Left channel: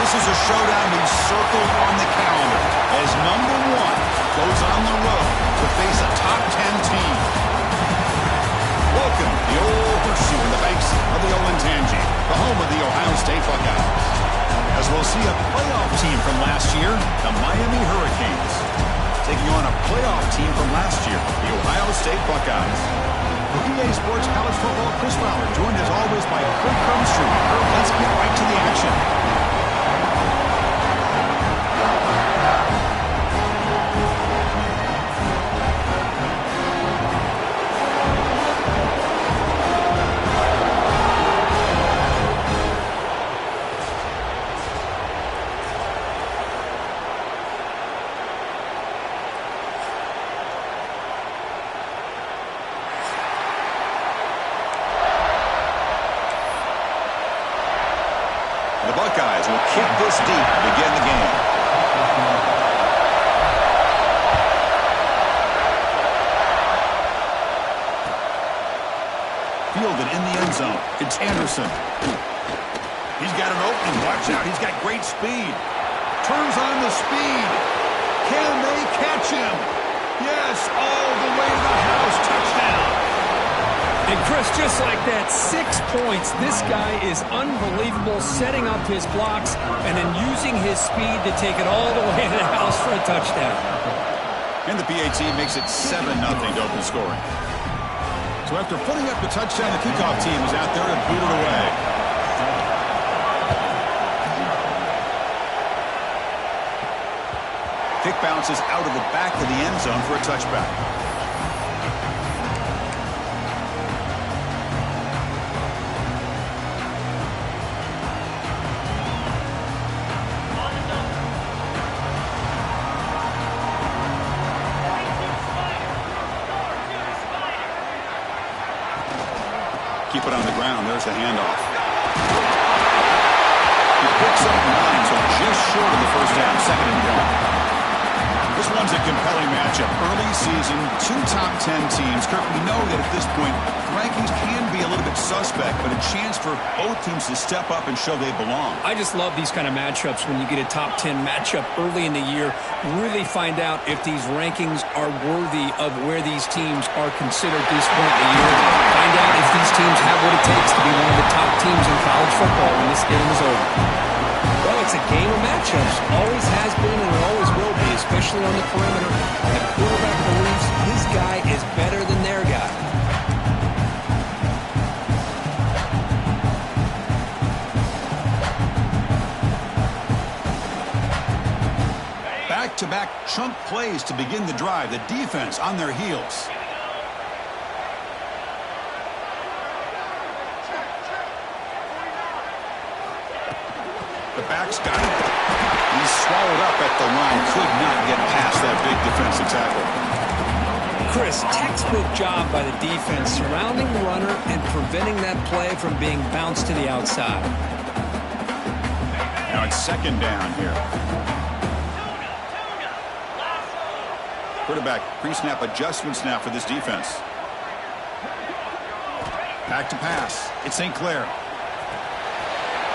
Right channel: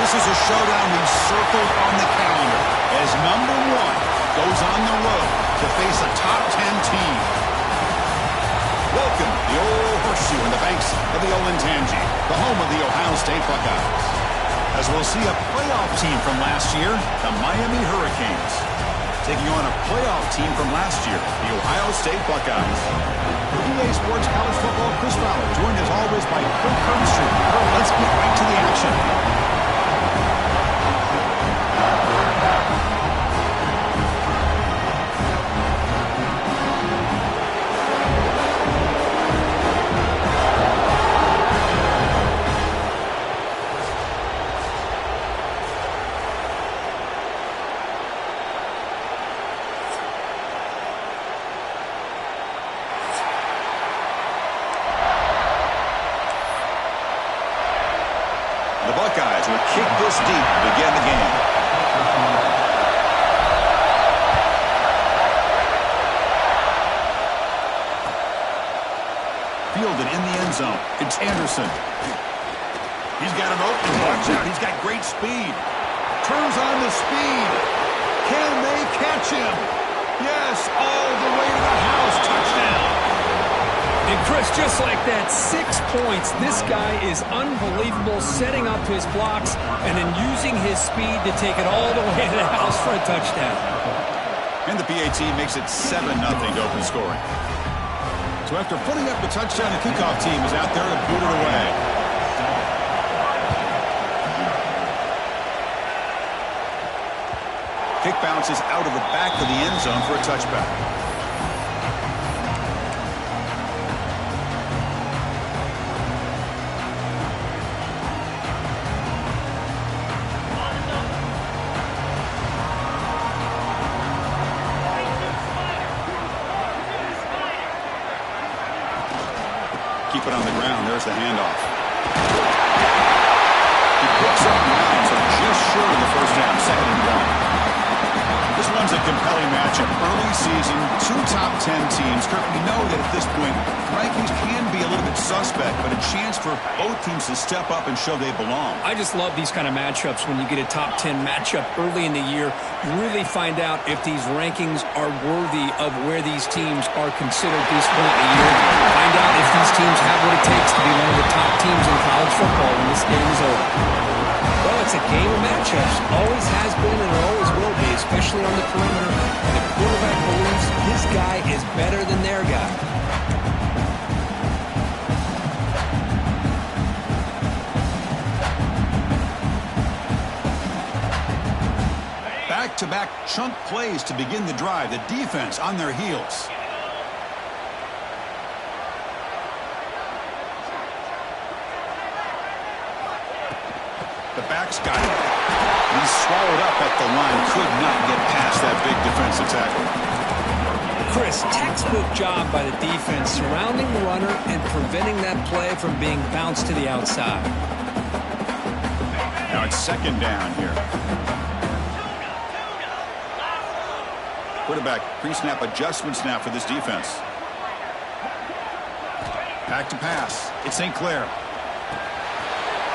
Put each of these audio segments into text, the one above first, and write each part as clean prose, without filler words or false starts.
this is a showdown we've circled on the calendar as number 1 goes on the road to face a top 10 team. Welcome the old horseshoe in the banks of the Olentangy, the home of the Ohio State Buckeyes. As we'll see a playoff team from last year, the Miami Hurricanes, taking on a playoff team from last year, the Ohio State Buckeyes. For EA Sports College Football, Chris Fowler, joined as always by Kurt Kirkstreet. Kurt, let's get right to the action. The Buckeyes will kick this deep to begin the game. Fielded in the end zone. It's Anderson. He's got an opening. Watch out. He's got great speed. Turns on the speed. Can they catch him? Yes, all the way to the house. Touchdown. And Chris, just like that, 6 points. This guy is unbelievable, setting up his blocks and then using his speed to take it all the way to the house for a touchdown. And the PAT makes it 7-0 to open scoring. So after putting up the touchdown, the kickoff team is out there to boot it away. Kick bounces out of the back of the end zone for a touchback. Keep it on the ground. There's the handoff. He picks up 9, so just short of the first down. 2nd and 1. This one's a compelling matchup. Early season, 2 top 10 teams. Kurt, we know that at this point, rankings can be a little bit suspect, but a chance for both teams to step up and show they belong. I just love these kind of matchups when you get a top 10 matchup early in the year. Really find out if these rankings are worthy of where these teams are considered at this point in the year. Find out if these teams have what it takes to be one of the top teams in college football when this game is over. Well, it's a game of matchups. Always has been and it always will be, especially on the perimeter. And the quarterback believes his guy is better than their guy. Back-to-back chunk plays to begin the drive. The defense on their heels. The back's got it. He's swallowed up at the line. Could not get past that big defensive tackle. Chris, textbook job by the defense surrounding the runner and preventing that play from being bounced to the outside. Now it's 2nd down here. Quarterback pre-snap adjustments now for this defense. Back to pass. It's St. Clair.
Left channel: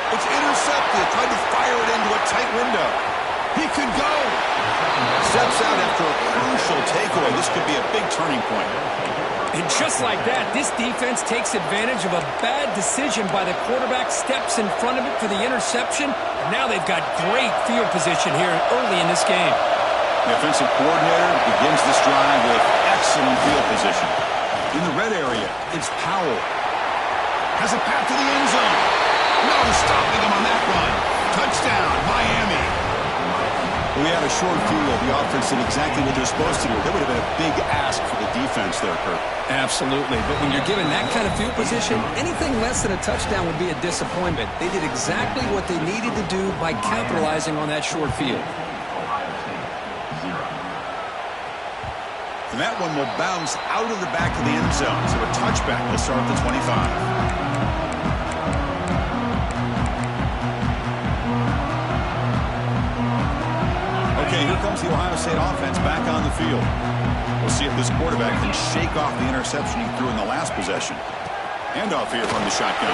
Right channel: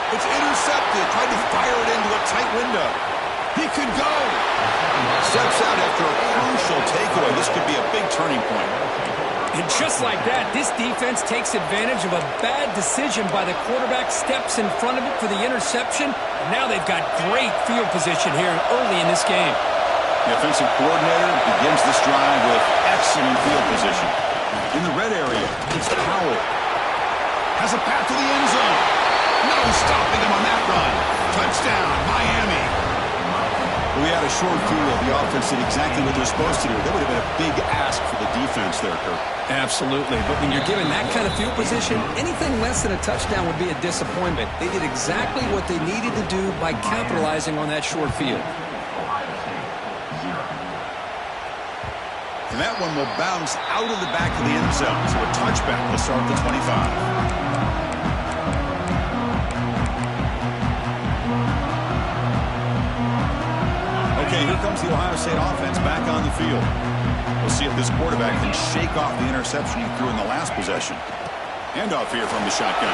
It's intercepted. Tried to fire it into a tight window. He could go. Steps out after a crucial takeaway. This could be a big turning point. And just like that, this defense takes advantage of a bad decision by the quarterback, steps in front of it for the interception. And now they've got great field position here early in this game. The offensive coordinator begins this drive with excellent field position. In the red area, it's Powell. Has a path to the end zone. No stopping him on that run. Touchdown, Miami. We had a short field. The offense did exactly what they're supposed to do. That would have been a big ask for the defense there, Kirk. Absolutely. But when you're given that kind of field position, anything less than a touchdown would be a disappointment. They did exactly what they needed to do by capitalizing on that short field. And that one will bounce out of the back of the end zone. So a touchback will start at the 25. Okay, here comes the Ohio State offense back on the field. We'll see if this quarterback can shake off the interception he threw in the last possession. Handoff here from the shotgun.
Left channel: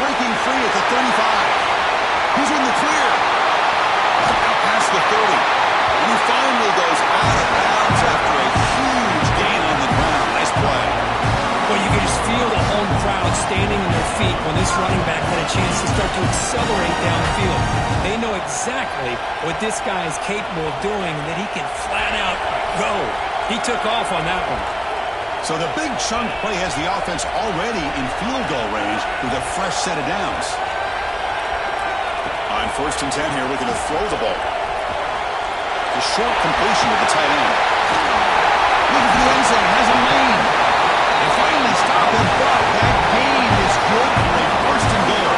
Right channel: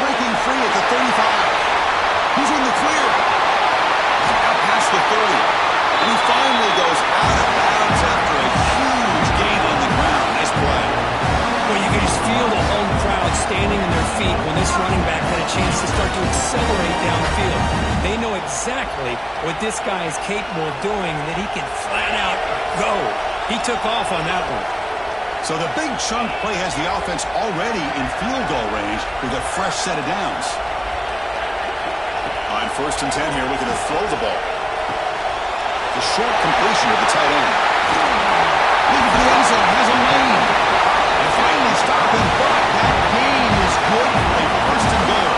Breaking free at the 35. He's in the the 30. And he finally goes out of bounds after a huge gain on the ground. Nice play. Well, you can just feel the home crowd standing on their feet when this running back had a chance to start to accelerate downfield. They know exactly what this guy is capable of doing and that he can flat out go. He took off on that one. So the big chunk play has the offense already in field goal range with a fresh set of downs. On 1st and 10 here, looking to throw the ball. The short completion with the tight end. Looking for the end zone, has a lane. They finally stop him, but that gain is good for a 1st and goal.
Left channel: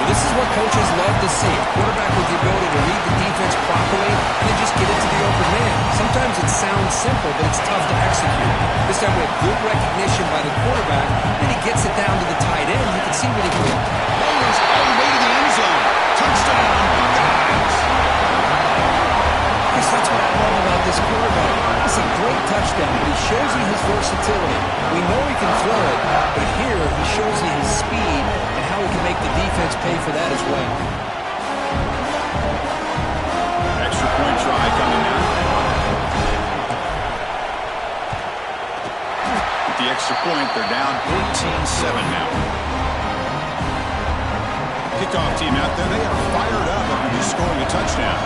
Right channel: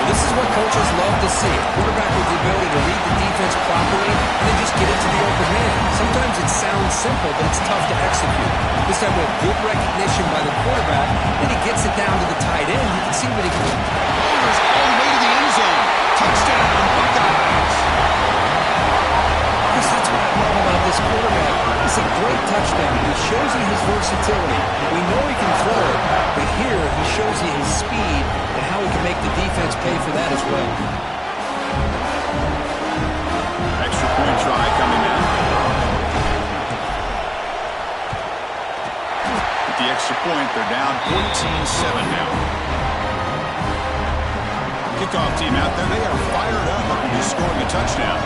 Well, this is what coaches love to see. A quarterback with the ability to read the defense properly and then just get it to the open man. Sometimes it sounds simple, but it's tough to execute. This time we have good recognition by the quarterback. Then he gets it down to the tight end. You can see what he can do. Rollers all the way to the end zone. Touchdown, Buckeyes. Chris, that's what I love about this quarterback. It's a great touchdown. He shows you his versatility. We know he can throw it, but here he shows you his speed and how he can make the defense pay for that as well. Extra point try coming now. With the extra point, they're down 14-7 now. Kickoff team out there, they are fired up after just scoring a touchdown.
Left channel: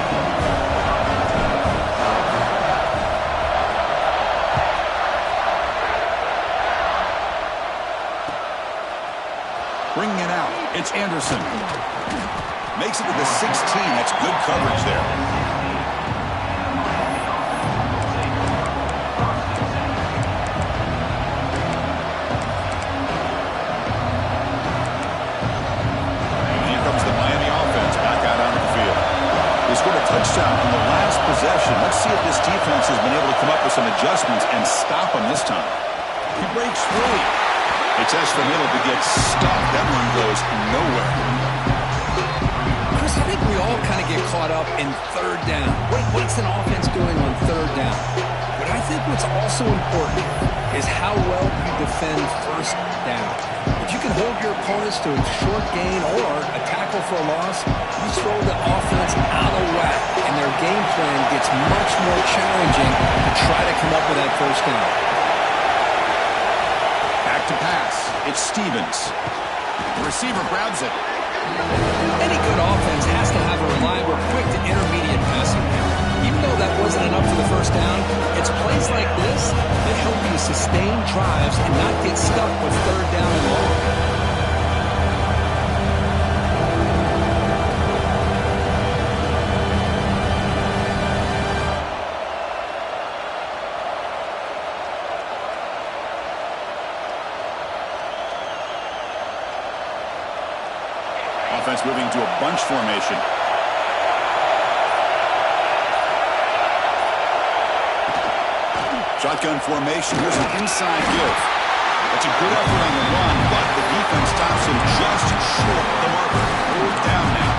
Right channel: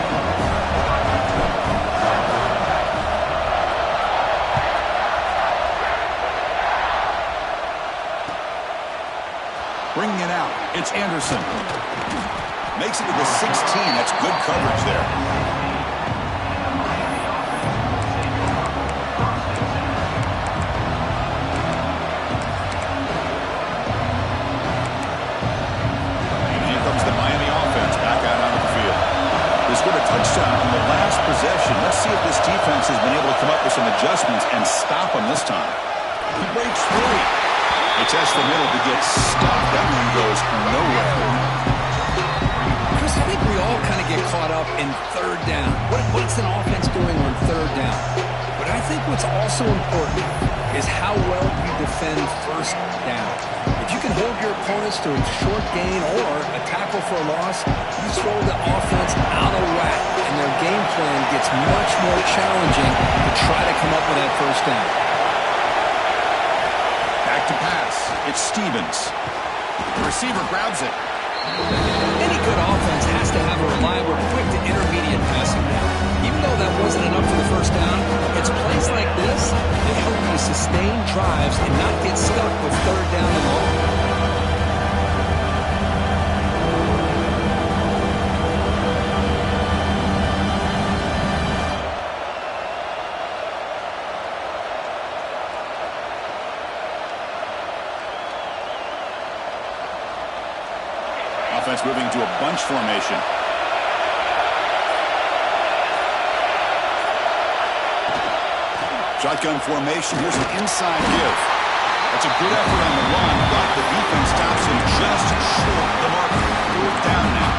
Bringing it out, it's Anderson. Makes it to the 16. That's good coverage there. And here comes the Miami offense back out onto the field. They scored a touchdown on the last possession. Let's see if this defense has been able to come up with some adjustments and stop them this time. He breaks free. They test the middle to get stuck. That one goes nowhere. Chris, I think we all kind of get caught up in 3rd down. What's an offense doing on 3rd down? But I think what's also important is how well you defend 1st down. If you can hold your opponents to a short gain or a tackle for a loss, you throw the offense out of whack, and their game plan gets much more challenging to try to come up with that 1st down. Back to pass. It's Stevens. The receiver grabs it. Any good offense has to have a reliable, quick to intermediate passing down. Even though that wasn't enough for the 1st down, it's plays like this that help you sustain drives and not get stuck with 3rd down and long. Offense moving into a bunch formation. Shotgun formation. Here's an inside give. That's a good effort on the run, but the defense stops him just short of the marker. 4th down now.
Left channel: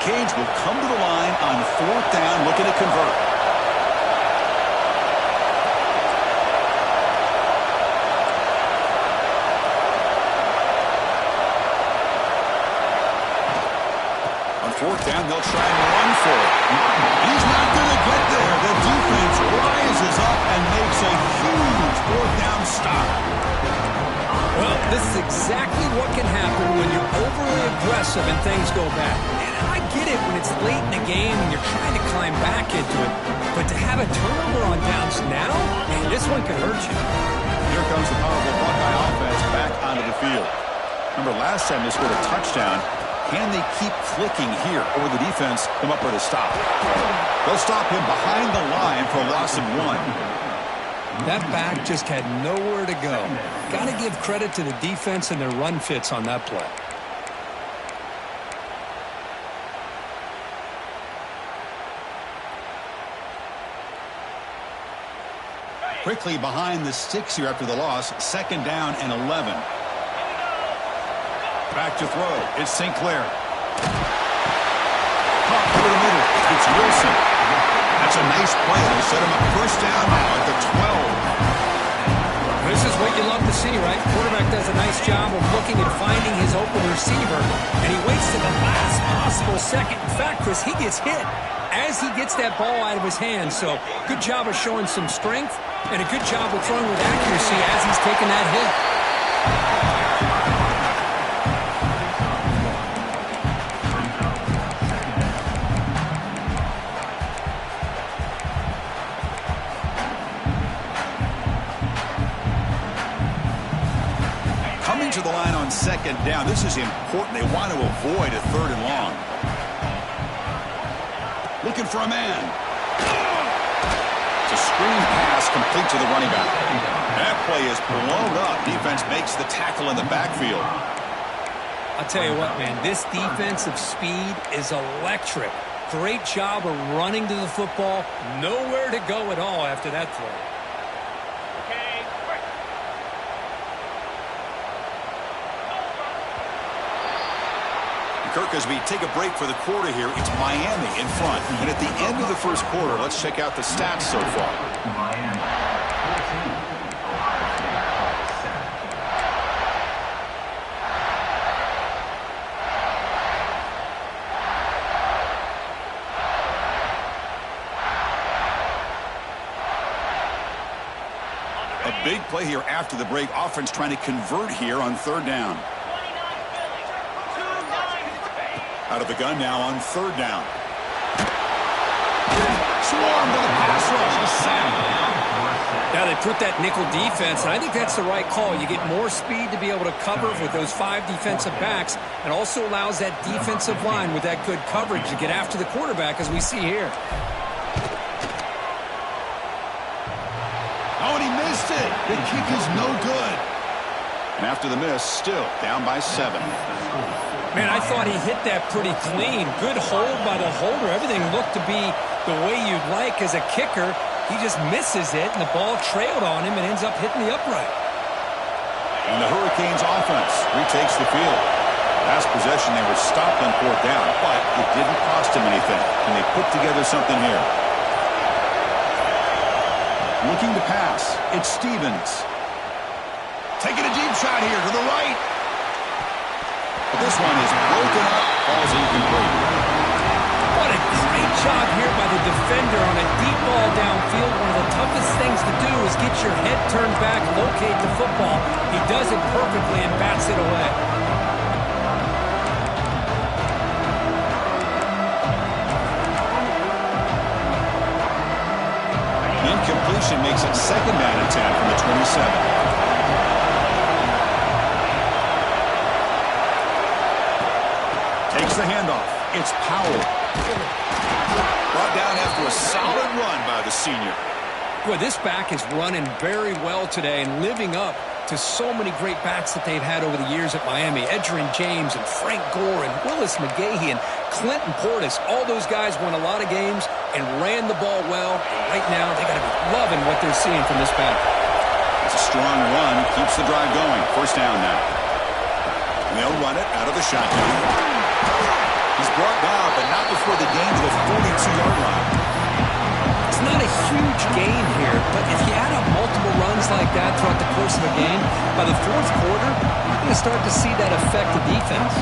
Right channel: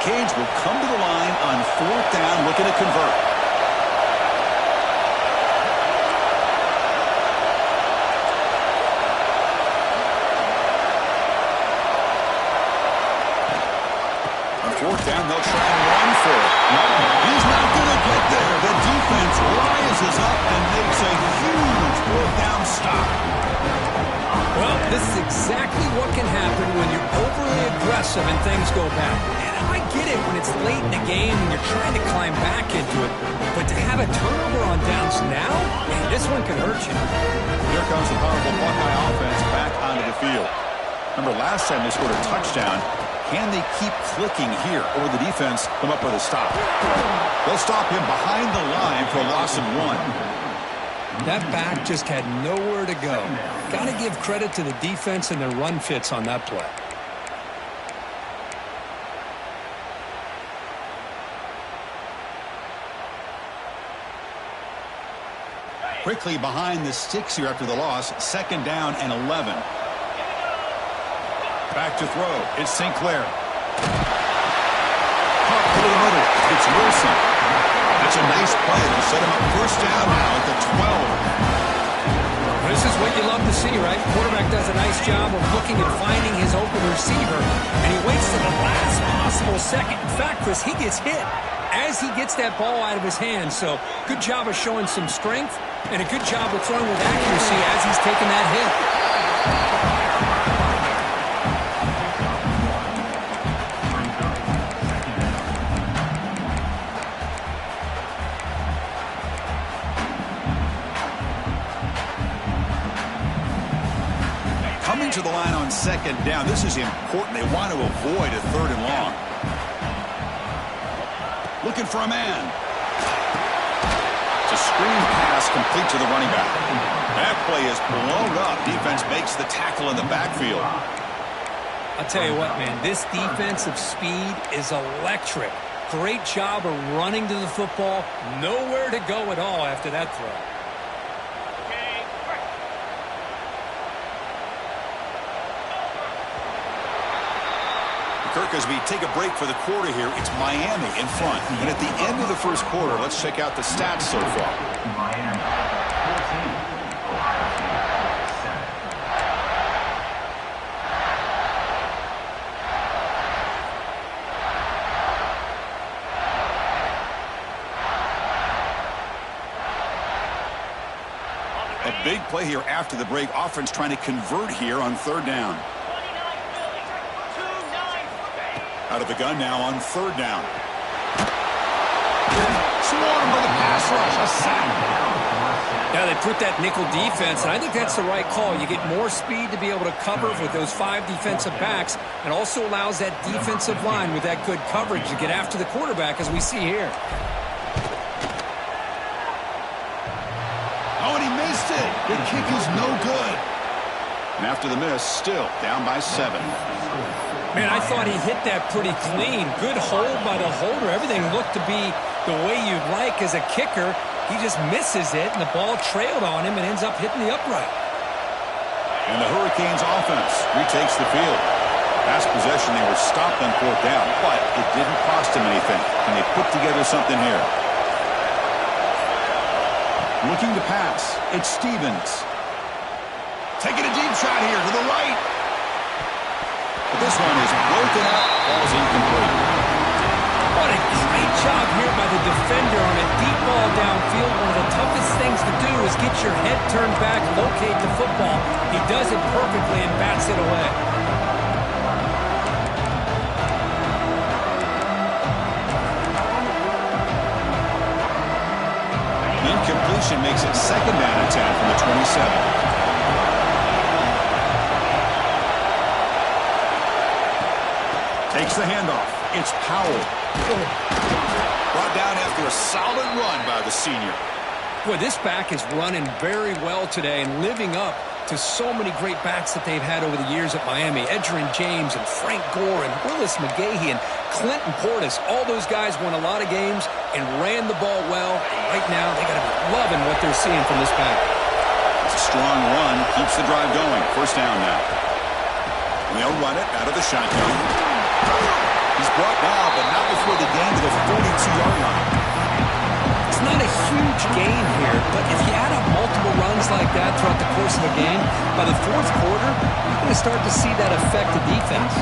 Cage will come to the line on 4th down, looking to convert. On 4th down, they'll try and run for it. He's not going to get there. The defense rises up and makes a huge 4th down stop. Well, this is exactly what can happen when you're overly aggressive and things go bad. And I get it when it's late in the game and you're trying to climb back into it. But to have a turnover on downs now, man, this one could hurt you. Here comes the powerful Buckeye offense back onto the field. Remember, last time they scored a touchdown. Can they keep clicking here, or will the defense come up with a stop? They'll stop him behind the line for a loss of 1. That back just had nowhere to go. Got to give credit to the defense and their run fits on that play. Quickly behind the sticks here after the loss. 2nd down and 11. Back to throw. It's Sinclair. Pop over the middle. It's Wilson. That's a nice play. It'll set him up first down now at the 12. This is what you love to see, right? Quarterback does a nice job of looking at finding his open receiver, and he waits to the last possible second. In fact, Chris, he gets hit as he gets that ball out of his hands. So good job of showing some strength and a good job of throwing with accuracy as he's taking that hit. Coming to the line on second down. This is important. They want to avoid a 3rd and long. Looking for a man. It's a screen pass complete to the running back. That play is blown up. Defense makes the tackle in the backfield. I'll tell you what, man, this defensive speed is electric. Great job of running to the football. Nowhere to go at all after that throw. Kirk, as we take a break for the quarter here, it's Miami in front. And at the end of the first quarter, let's check out the stats so far. Miami, 14, Ohio State, 7. A big play here after the break. Offense trying to convert here on 3rd down. Out of the gun now on 3rd down. Swarmed by the pass rush. A sack. Yeah, they put that nickel defense, and I think that's the right call. You get more speed to be able to cover with those 5 defensive backs, and also allows that defensive line with that good coverage to get after the quarterback, as we see here. Oh, and he missed it. The kick is no good. And after the miss, still down by 7. Man, I thought he hit that pretty clean. Good hold by the holder. Everything looked to be the way you'd like as a kicker. He just misses it, and the ball trailed on him and ends up hitting the upright. And the Hurricanes offense retakes the field. Last possession, they were stopped on 4th down, but it didn't cost them anything. And they put together something here. Looking to pass. It's Stevens. Taking a deep shot here to the right. But this one is broken up, falls incomplete. What a great job here by the defender on a deep ball downfield. One of the toughest things to do is get your head turned back, locate the football. He does it perfectly and bats it away. Incompletion makes it 2nd down and 10 from the 27. Takes the handoff. It's Powell. Brought down after a solid run by the senior. Boy, this back is running very well today and living up to so many great backs that they've had over the years at Miami. Edgerrin James and Frank Gore and Willis McGahee and Clinton Portis. All those guys won a lot of games and ran the ball well. And right now, they got to be loving what they're seeing from this back. It's a strong run. Keeps the drive going. First down now. And they'll run it out of the shotgun. He's brought down, but not before the gain to the 42-yard line. It's not a huge gain here, but if you add up multiple runs like that throughout the course of a game, by the 4th quarter, you're going to start to see that affect the defense.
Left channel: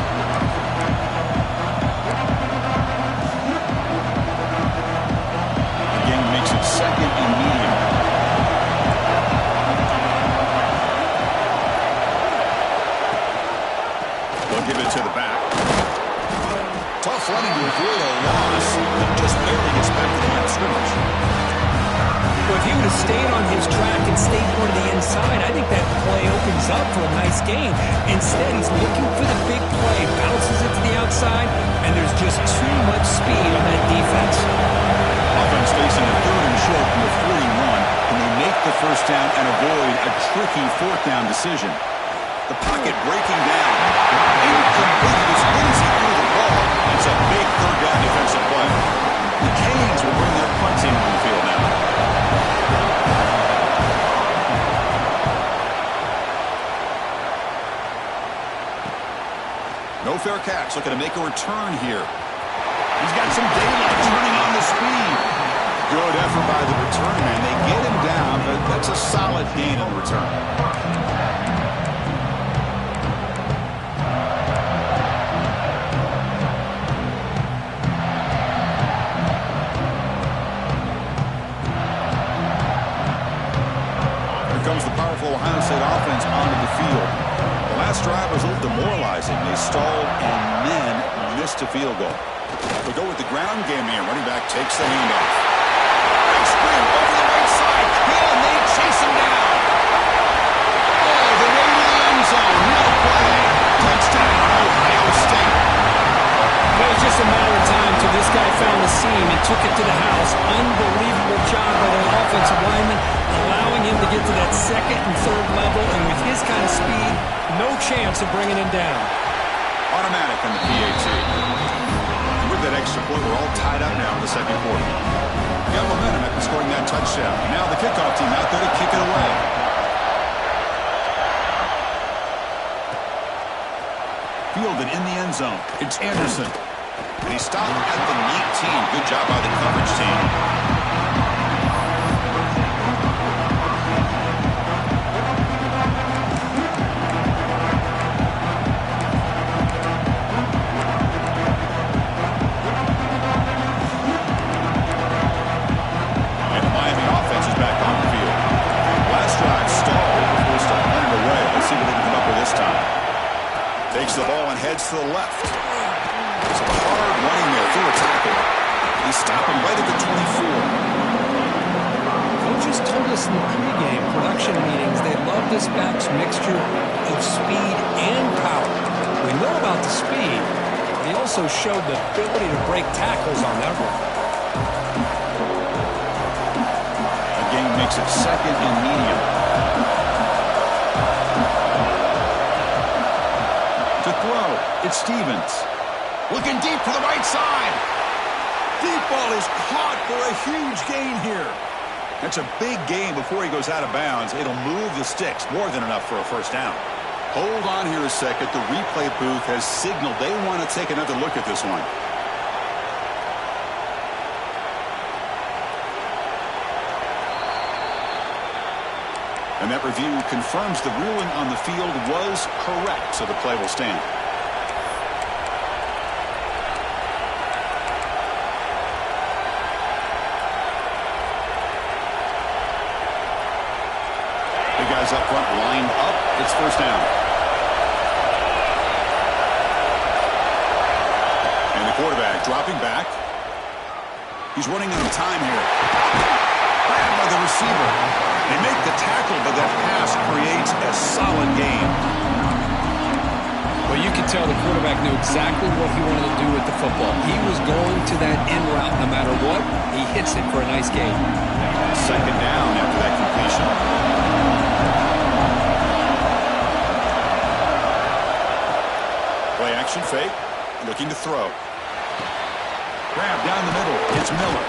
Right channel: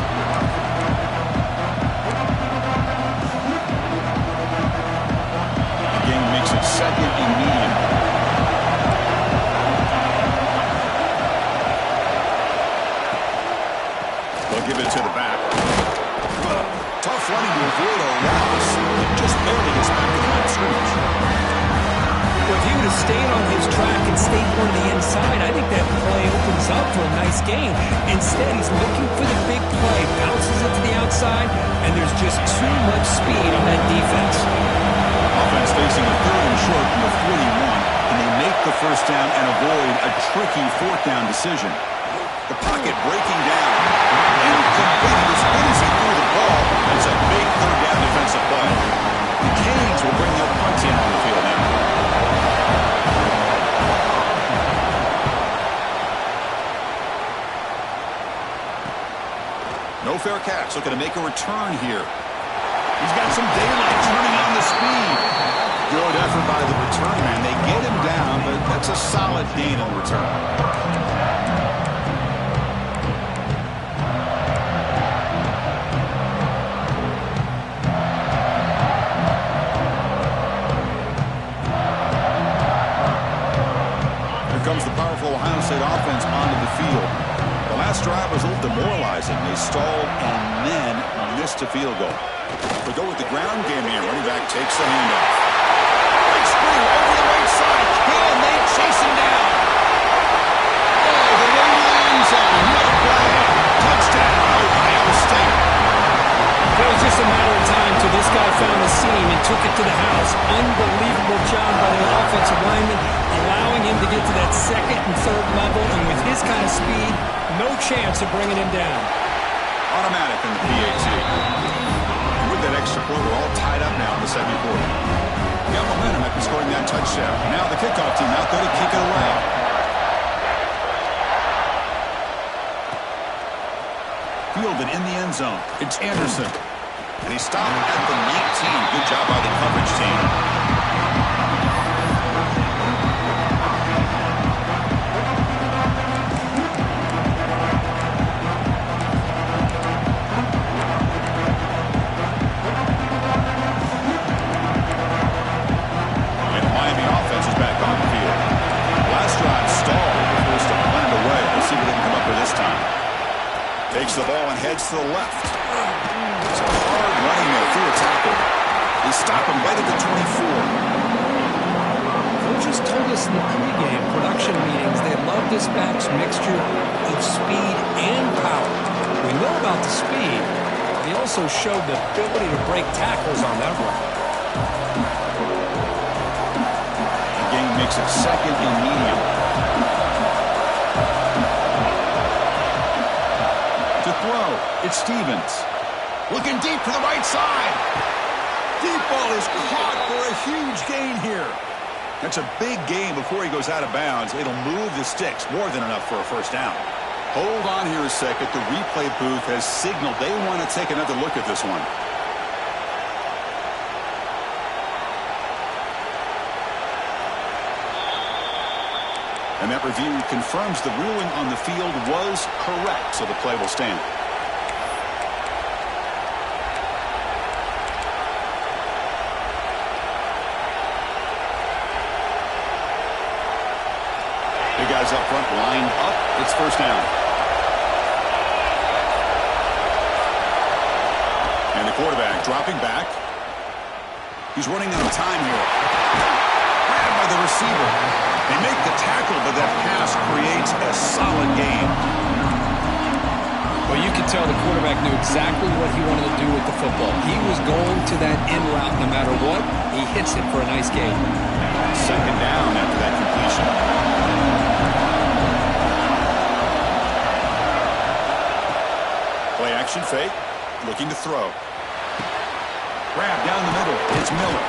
The game makes it 2nd and medium. They'll give it to the back. Tough running to avoid a loss, but just barely gets back to the line of scrimmage. Well, if he would have stayed on his track and stayed more to the inside, I think that play opens up for a nice gain. Instead, he's looking for the big play, bounces it to the outside, and there's just too much speed on that defense. Offense facing a 3rd and short from the 41. Can they make the first down and avoid a tricky 4th down decision? The pocket breaking down. Incomplete as good as he threw the ball. That's a big 3rd down defensive play. The Canes will bring their punt team on the field now. No fair catch. Looking to make a return here. He's got some daylight turning on the speed. Good effort by the return man. They get him down, but that's a solid gain in the return. Comes the powerful Ohio State offense onto the field. The last drive was a little demoralizing. They stalled and then missed a field goal. We go with the ground game here. Running back takes the handoff. Big screen over the right side. Can they chase him down? Oh, the way to the end zone. No play. Touchdown, Ohio State. It was just a matter of time till this guy found the seam and took it to the house. Unbelievable job by the offensive lineman, allowing him to get to that second and third level, and with his kind of speed, no chance of bringing him down. Automatic on the PAT. And with that extra point, we're all tied up now in the second quarter. Got momentum after scoring that touchdown. Now the kickoff team out there to kick it away. Fielded in the end zone. It's Anderson. And he stopped at the 19. Good job by the coverage team. And the Miami offense is back on the field. Last drive stalled. Forced to punt it away. Let's see what they can come up with this time. Takes the ball and heads to the left. It's a hard running there through a tackle. They stop him right at the 24. Coaches told us in the pregame production meetings they love this back's mixture of speed and power. We know about the speed. He also showed the ability to break tackles on that run. The game makes it second and medium. To throw, it's Stevens. Looking deep to the right side. Deep ball is caught for a huge gain here. That's a big gain before he goes out of bounds. It'll move the sticks, more than enough for a first down. Hold on here a second. The replay booth has signaled they want to take another look at this one. And that review confirms the ruling on the field was correct, so the play will stand. The guys up front lined up. It's first down. And the quarterback dropping back. He's running out of time here. Grabbed by the receiver. They make the tackle, but that pass creates a solid gain. Well, you could tell the quarterback knew exactly what he wanted to do with the football. He was going to that in route no matter what. He hits it for a nice gain. Second down after that completion. Play action fake. Looking to throw. Grab down the middle. It's Miller.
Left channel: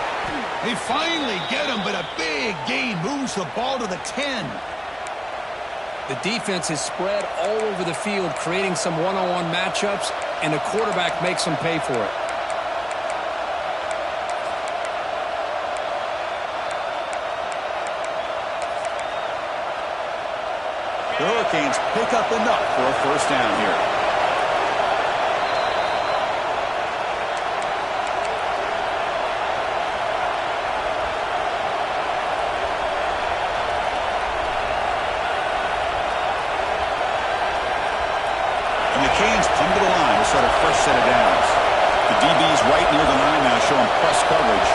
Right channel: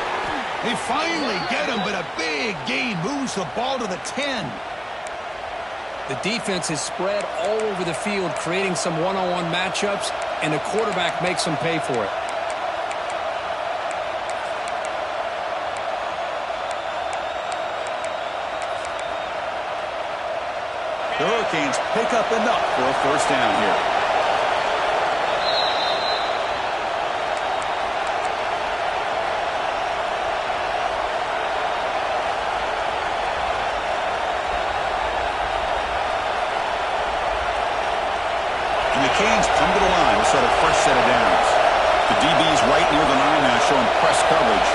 They finally get him, but a big gain moves the ball to the 10. The defense is spread all over the field, creating some one-on-one matchups, and the quarterback makes them pay for it. The Hurricanes pick up enough for a first down here. And the Canes come to the line to start a fresh set of downs. The DB's right near the line now, showing press coverage.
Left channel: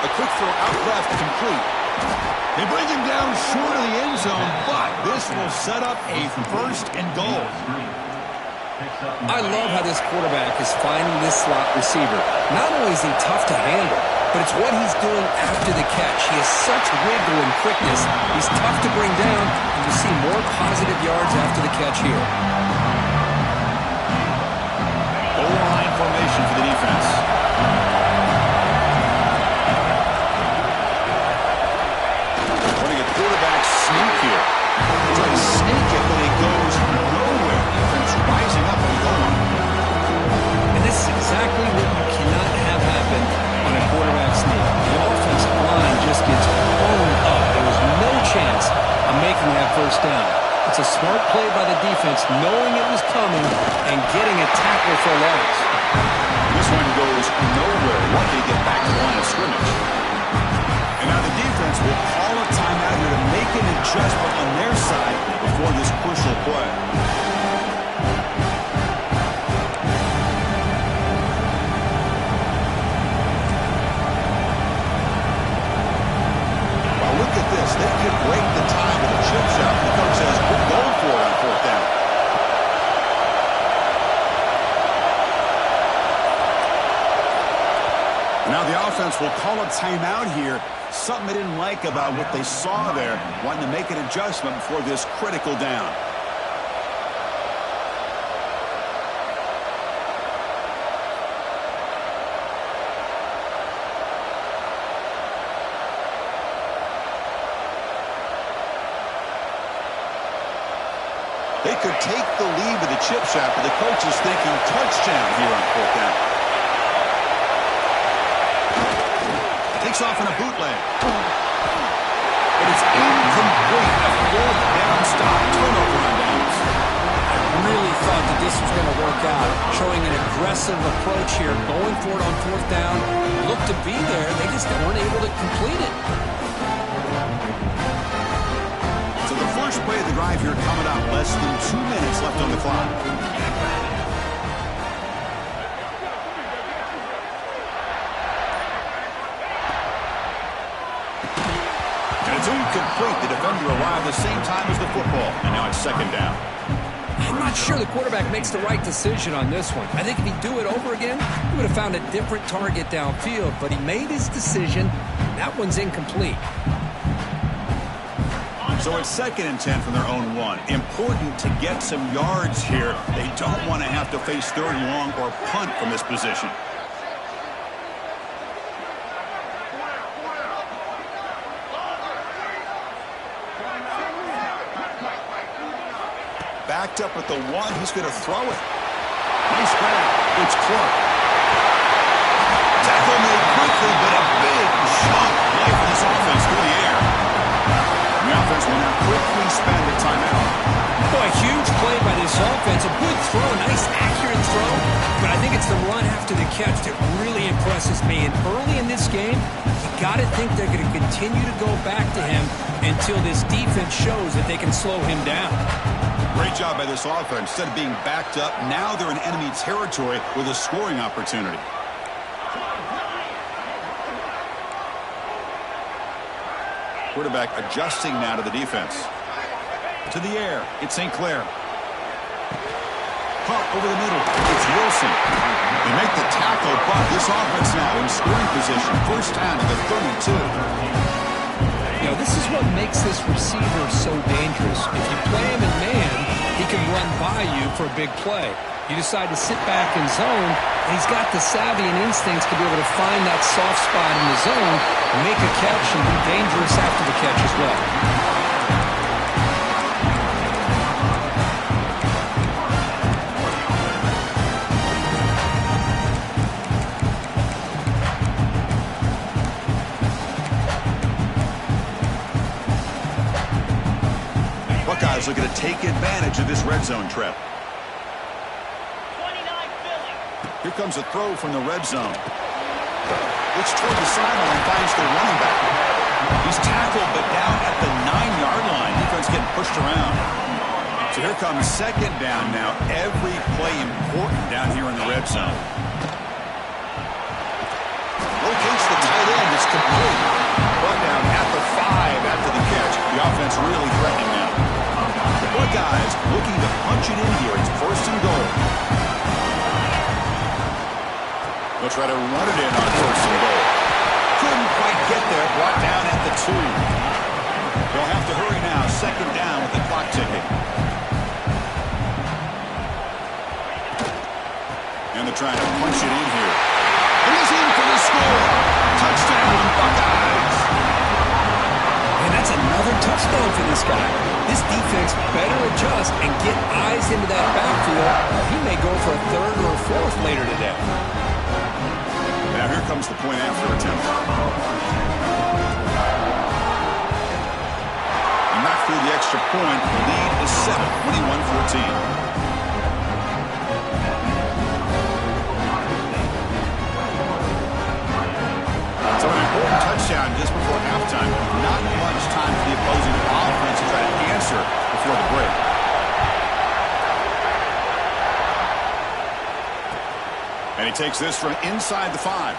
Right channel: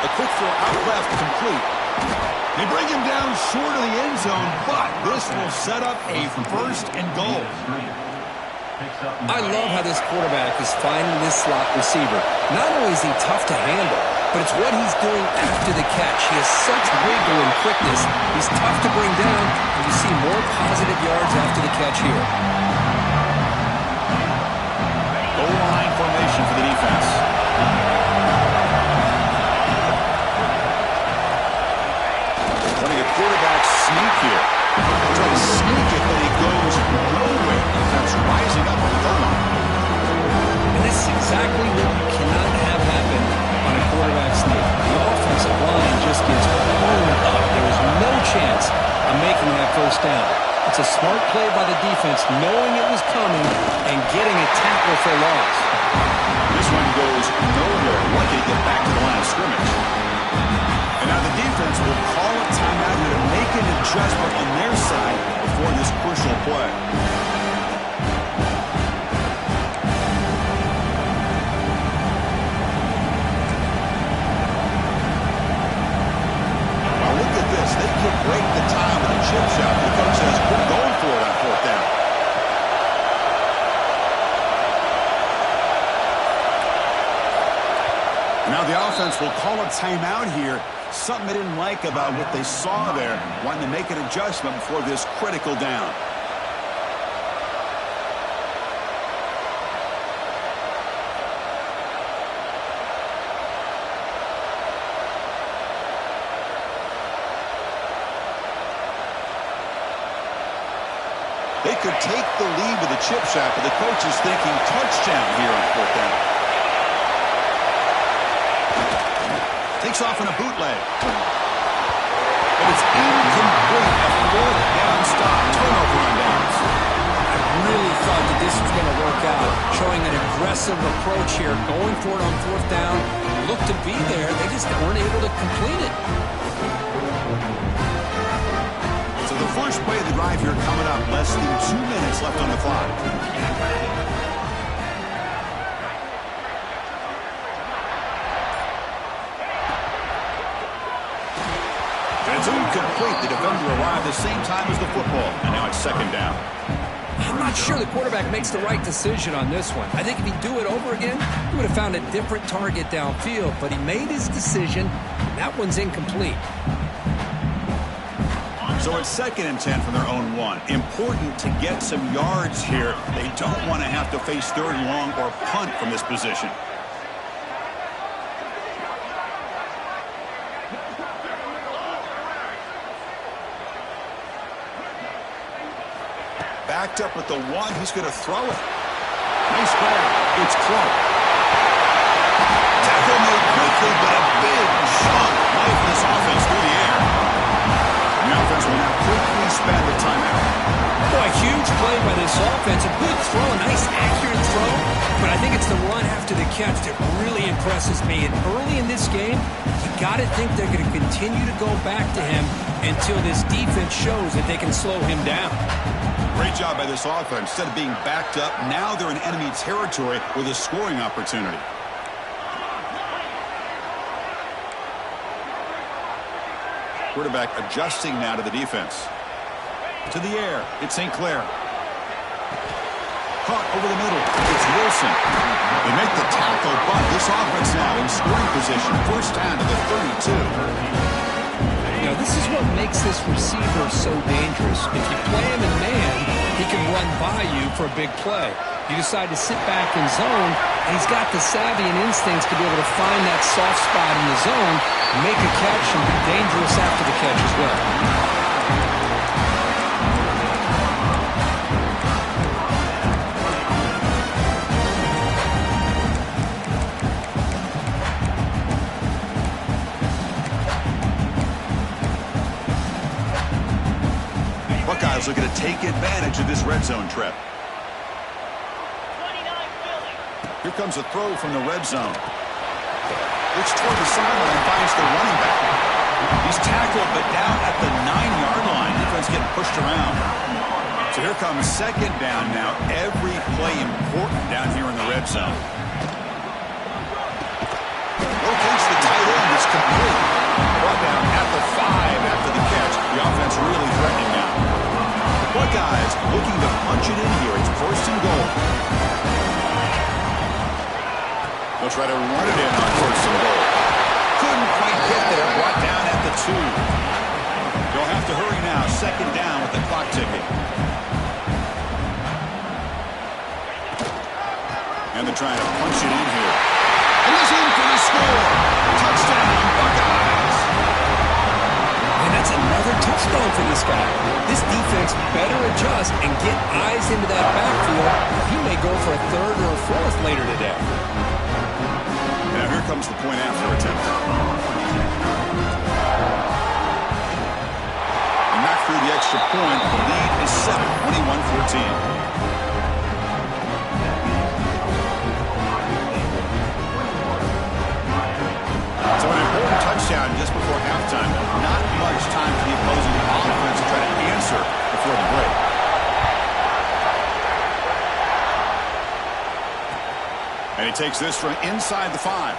A quick throw out left, complete. They bring him down short of the end zone, but this will set up a first and goal. I love how this quarterback is finding this slot receiver. Not only is he tough to handle, but it's what he's doing after the catch. He has such wiggle and quickness. He's tough to bring down, and you see more positive yards after the catch here. Goal line formation for the defense. Running a quarterback sneak here. They try to sneak it, but it goes nowhere. Defense rising up on the goal line. And this is exactly what you cannot have happen on a quarterback sneak. The offensive line just gets blown up. There is no chance of making that first down. It's a smart play by the defense, knowing it was coming and getting a tackle for a loss. This one goes nowhere. Lucky to get back to the line of scrimmage. And now the defense will call a timeout here to make an adjustment on their side before this crucial play. Look at this. They could break the tie with a chip shot. The coach says, we're going for it on fourth down. And now the offense will call a timeout here. Something they didn't like about what they saw there. Wanting to make an adjustment before this critical down. They could take the lead with a chip shot, but the coach is thinking touchdown here on fourth down. Takes off in a bootleg. But it's incomplete. A fourth down stop. Turnover on downs. I really thought that this was going to work out. Showing an aggressive approach here. Going for it on fourth down. Looked to be there. They just weren't able to complete it. So the first play of the drive here coming up. Less than 2 minutes left on the clock. And it's incomplete. The defender arrived the same time as the football. And now it's second down. I'm not sure the quarterback makes the right decision on this one. I think if he'd do it over again, he would have found a different target downfield. But he made his decision. That one's incomplete. So it's 2nd and 10 from their own 1. Important to get some yards here. They don't want to have to face 3rd and long or punt from this position. Backed up at the 1. He's going to throw it. Nice grab. It's Clark. Tackle made quickly, but a big chunk play for this offense through the air. The offense will now quickly spend a timeout. Boy, huge play by this offense. A good throw, nice accurate throw. But I think it's the run after the catch that really impresses me. And early in this game, you got to think they're going to continue to go back to him until this defense shows that they can slow him down. Great job by this offense. Instead of being backed up, now they're in enemy territory with a scoring opportunity. Quarterback adjusting now to the defense. To the air. It's St. Clair. Caught over the middle. It's Wilson. They make the tackle, but this offense now in scoring position. First down to the 32. You know, this is what makes this receiver so dangerous. If you play him in man, he can run by you for a big play. You decide to sit back in zone, and he's got the savvy and instincts to be able to find that soft spot in the zone, make a catch, and be dangerous after the catch as well. Buckeyes looking to take advantage of this red zone trip. Here comes a throw from the red zone. Looks toward the sideline and finds the running back. He's tackled, but down at the 9-yard line. Defense getting pushed around. So here comes second down now. Every play important down here in the red zone. Locates the tight end. It's complete. Brought down at the 5 after the catch. The offense really threatening now. The Buckeyes looking to punch it in here. It's first and goal. They'll try to run it in on first and goal. Couldn't quite get there. Brought down at the 2. They'll have to hurry now. Second down with the clock ticking. And they're trying to punch it in here. And he's in for the score. Touchdown, Buckeyes. And That's another touchdown for this guy. This defense better adjust and get eyes into that backfield, or he may go for a third or a fourth later today. Now here comes the point after attempt. And knocked through the extra point. The lead is 7, 21-14. So an important touchdown just before halftime. Not much time for the opposing offense to try to answer before the break. And he takes this from inside the 5.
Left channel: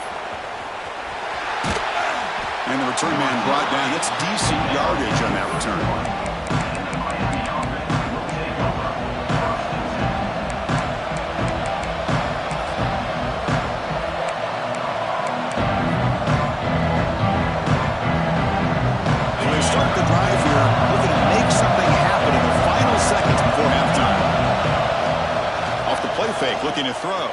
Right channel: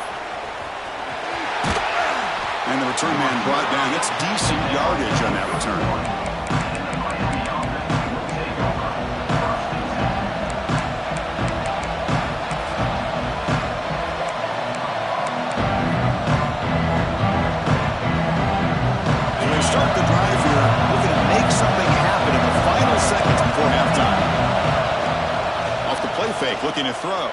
And the return man brought down. That's decent yardage on that return. Start the drive here, looking to make something happen in the final seconds before halftime. Off the play fake, looking to throw.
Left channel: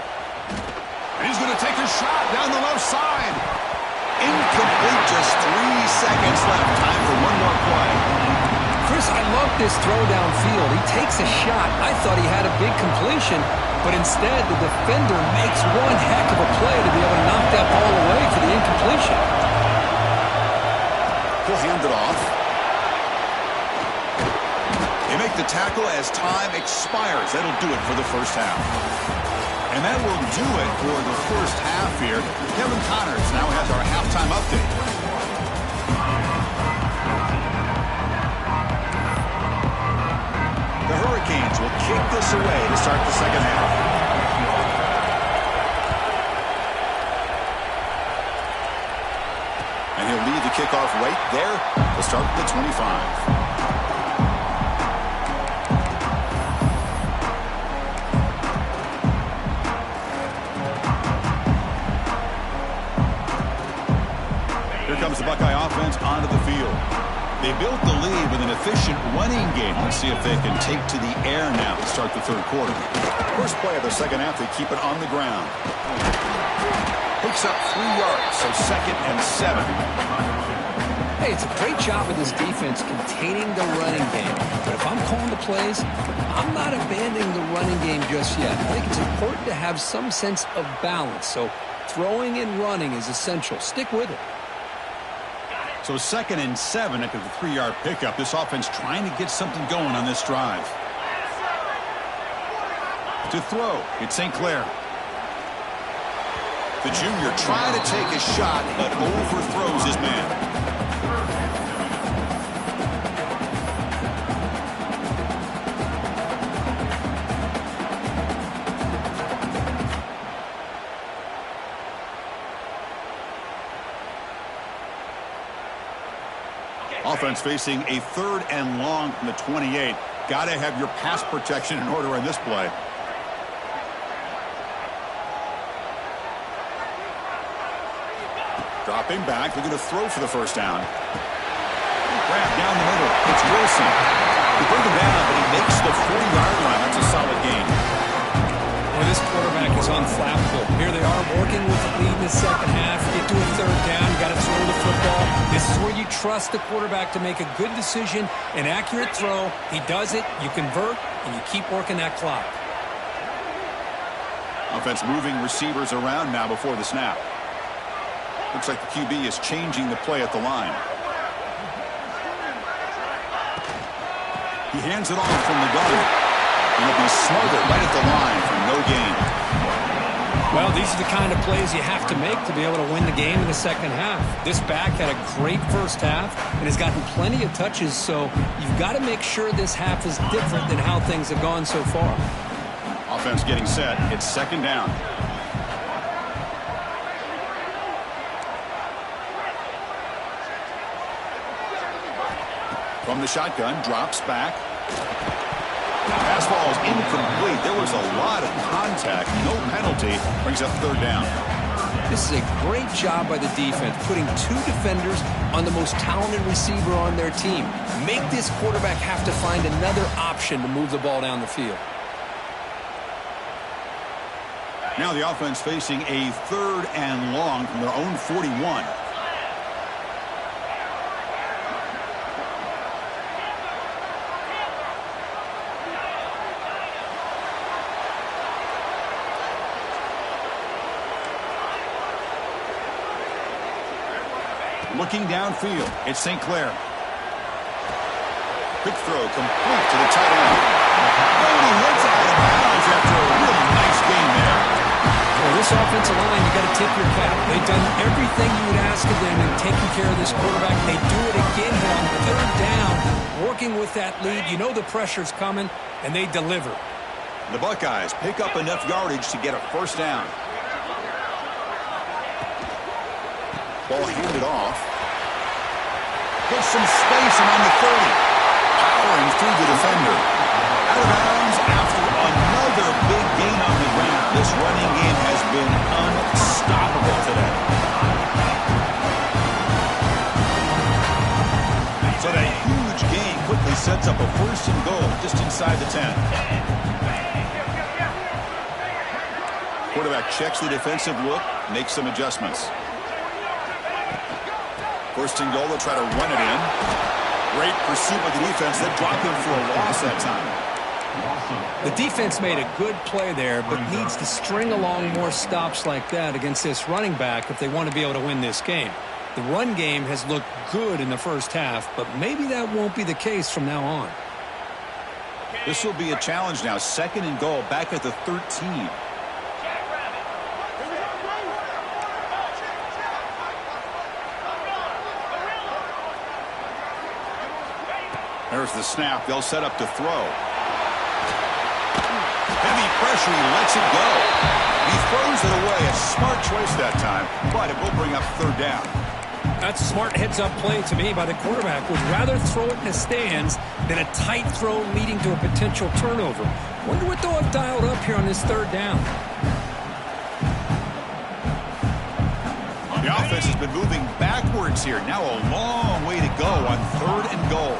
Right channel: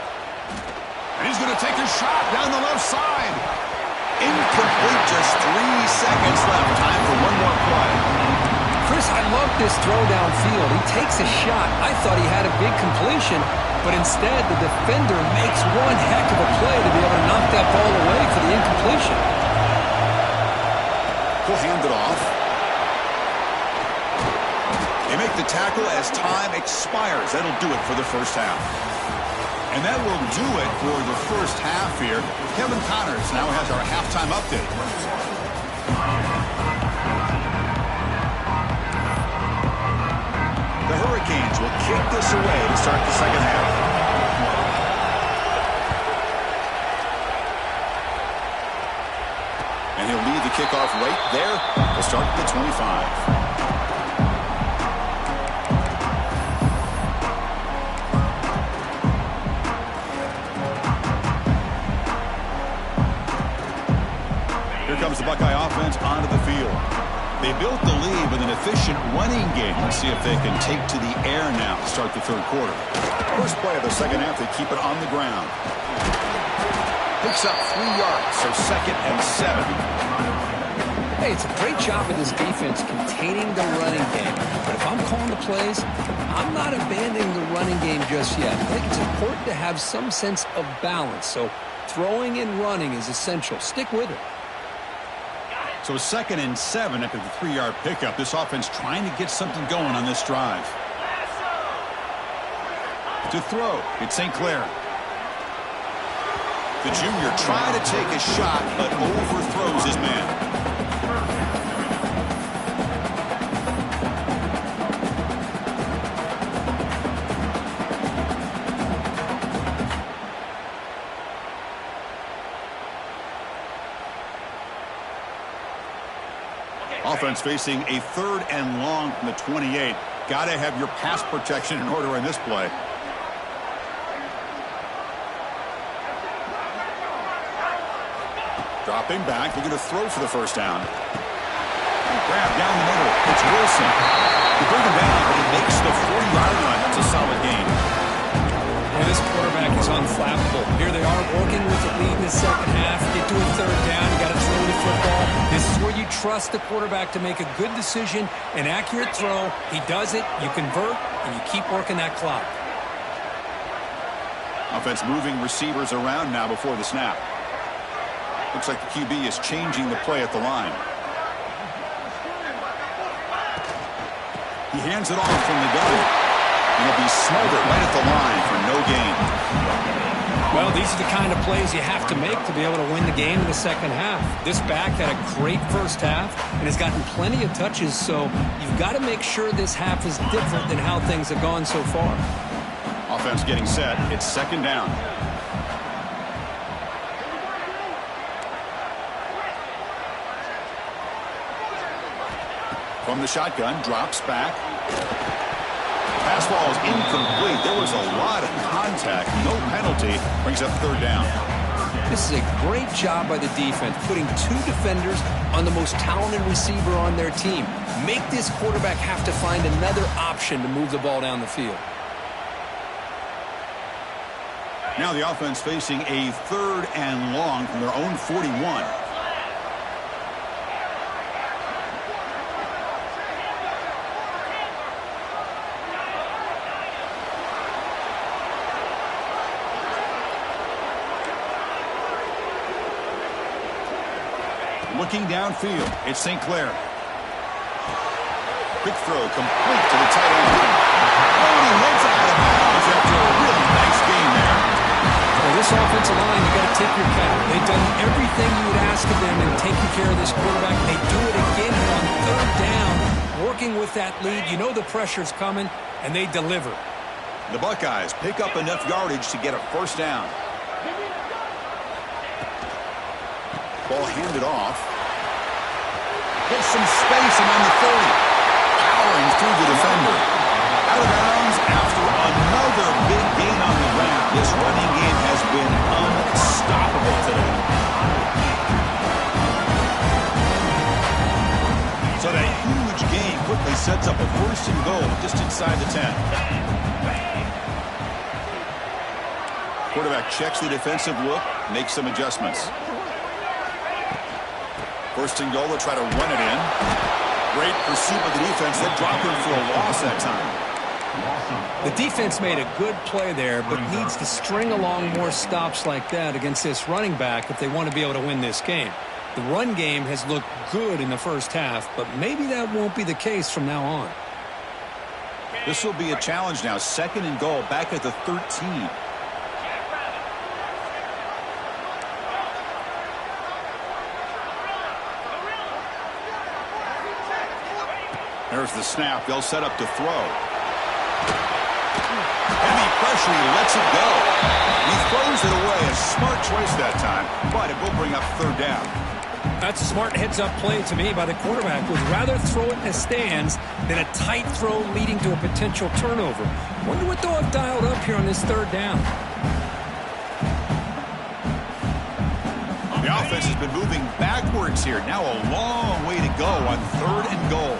And he's going to take a shot down the left side. Incomplete, just 3 seconds left. Time for one more play. Chris, I love this throw downfield. He takes a shot. I thought he had a big completion, but instead the defender makes one heck of a play to be able to knock that ball away for the incompletion. He'll hand it off. They make the tackle as time expires. That'll do it for the first half. And that will do it for the first half here. Kevin Connors now has our halftime update. The Hurricanes will kick this away to start the second half. And he'll lead the kickoff right there to start the 25. Here comes the Buckeye offense onto the field. They built the lead with an efficient running game. Let's see if they can take to the air now to start the third quarter. First play of the second half, they keep it on the ground. Picks up 3 yards, so 2nd and 7. Hey, it's a great job of this defense containing the running game. But if I'm calling the plays, I'm not abandoning the running game just yet. I think it's important to have some sense of balance. So throwing and running is essential. Stick with it. So 2nd and 7 after the 3-yard pickup. This offense trying to get something going on this drive. To throw, it's St. Clair. The junior trying to take a shot, but overthrows his man. Offense facing a 3rd and long from the 28. Got to have your pass protection in order in this play. Dropping back, looking to throw for the first down. Grab down the middle. It's Wilson. They bring him down, but he makes the 40-yard line. That's a solid gain. Well, this quarterback is unflappable. Here they are working with the lead in the second half. Get to a 3rd down. You got to throw the football. This is where you trust the quarterback to make a good decision, an accurate throw. He does it. You convert, and you keep working that clock. Offense moving receivers around now before the snap. Looks like the QB is changing the play at the line. He hands it off from the gun. And he'll be smothered right at the line for no gain. Well, these are the kind of plays you have to make to be able to win the game in the second half. This back had a great first half and has gotten plenty of touches, so you've got to make sure this half is different than how things have gone so far. Offense getting set. It's 2nd down. From the shotgun, drops back. Pass ball is incomplete. There was a lot of contact. No penalty. Brings up 3rd down. This is a great job by the defense, putting 2 defenders on the most talented receiver on their team. Make this quarterback have to find another option to move the ball down the field. Now the offense facing a 3rd and long from their own 41. Looking downfield, it's St. Clair. Quick throw complete to the tight end. And he heads out of bounds after a really nice game there. Well, this offensive line, you got to tip your cap. They've done everything you would ask of them in taking care of this quarterback. They do it again here on third down, working with that lead. You know the pressure's coming, and they deliver. The Buckeyes pick up enough yardage to get a first down. Ball handed off. Gets some space around the 30. Powering through the defender. Out of bounds after another big gain on the ground. This running game has been unstoppable today. So that huge gain quickly sets up a first and goal just inside the 10. Quarterback checks the defensive look, makes some adjustments. First and goal, they'll try to run it in. Great pursuit by the defense. They dropped him for a loss that time. The defense made a good play there, but needs to string along more stops like that against this running back if they want to be able to win this game. The run game has looked good in the first half, but maybe that won't be the case from now on. This will be a challenge now. Second and goal, back at the 13. There's the snap. They'll set up to throw. Heavy pressure. He lets it go. He throws it away. A smart choice that time, but it will bring up third down. That's a smart heads-up play to me by the quarterback. Would rather throw it in the stands than a tight throw leading to a potential turnover. Wonder what they'll have dialed up here on this third down. The offense has been moving backwards here. Now a long way to go on third and goal.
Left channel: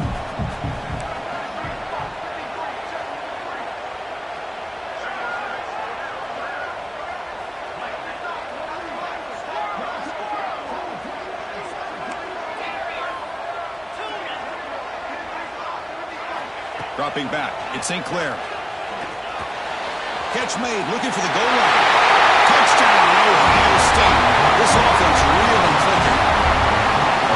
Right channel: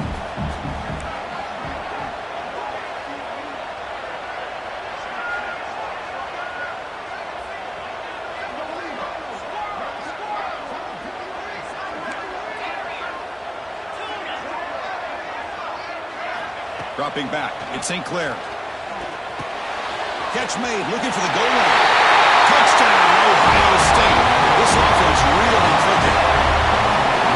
Dropping back, it's St. Clair. Catch made, looking for the goal line. Touchdown, Ohio State. This offense really clicking.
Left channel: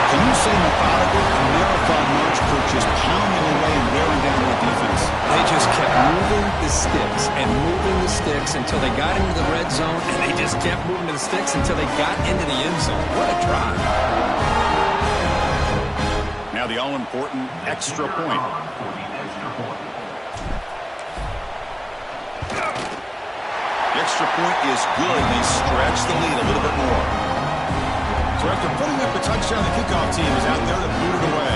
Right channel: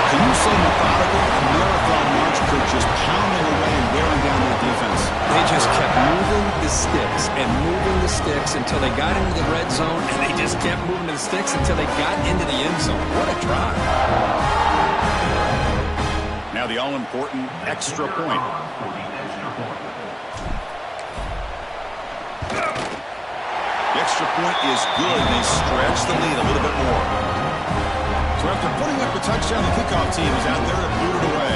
Can you say methodical? A marathon march, Kirk, just pounding away and wearing down their defense. They just kept moving the sticks and moving the sticks until they got into the red zone, and they just kept moving the sticks until they got into the end zone. What a drive. Now the all-important extra point. The extra point is good, and they stretch the lead a little bit more. So after putting up the touchdown, the kickoff team is out there to boot it away.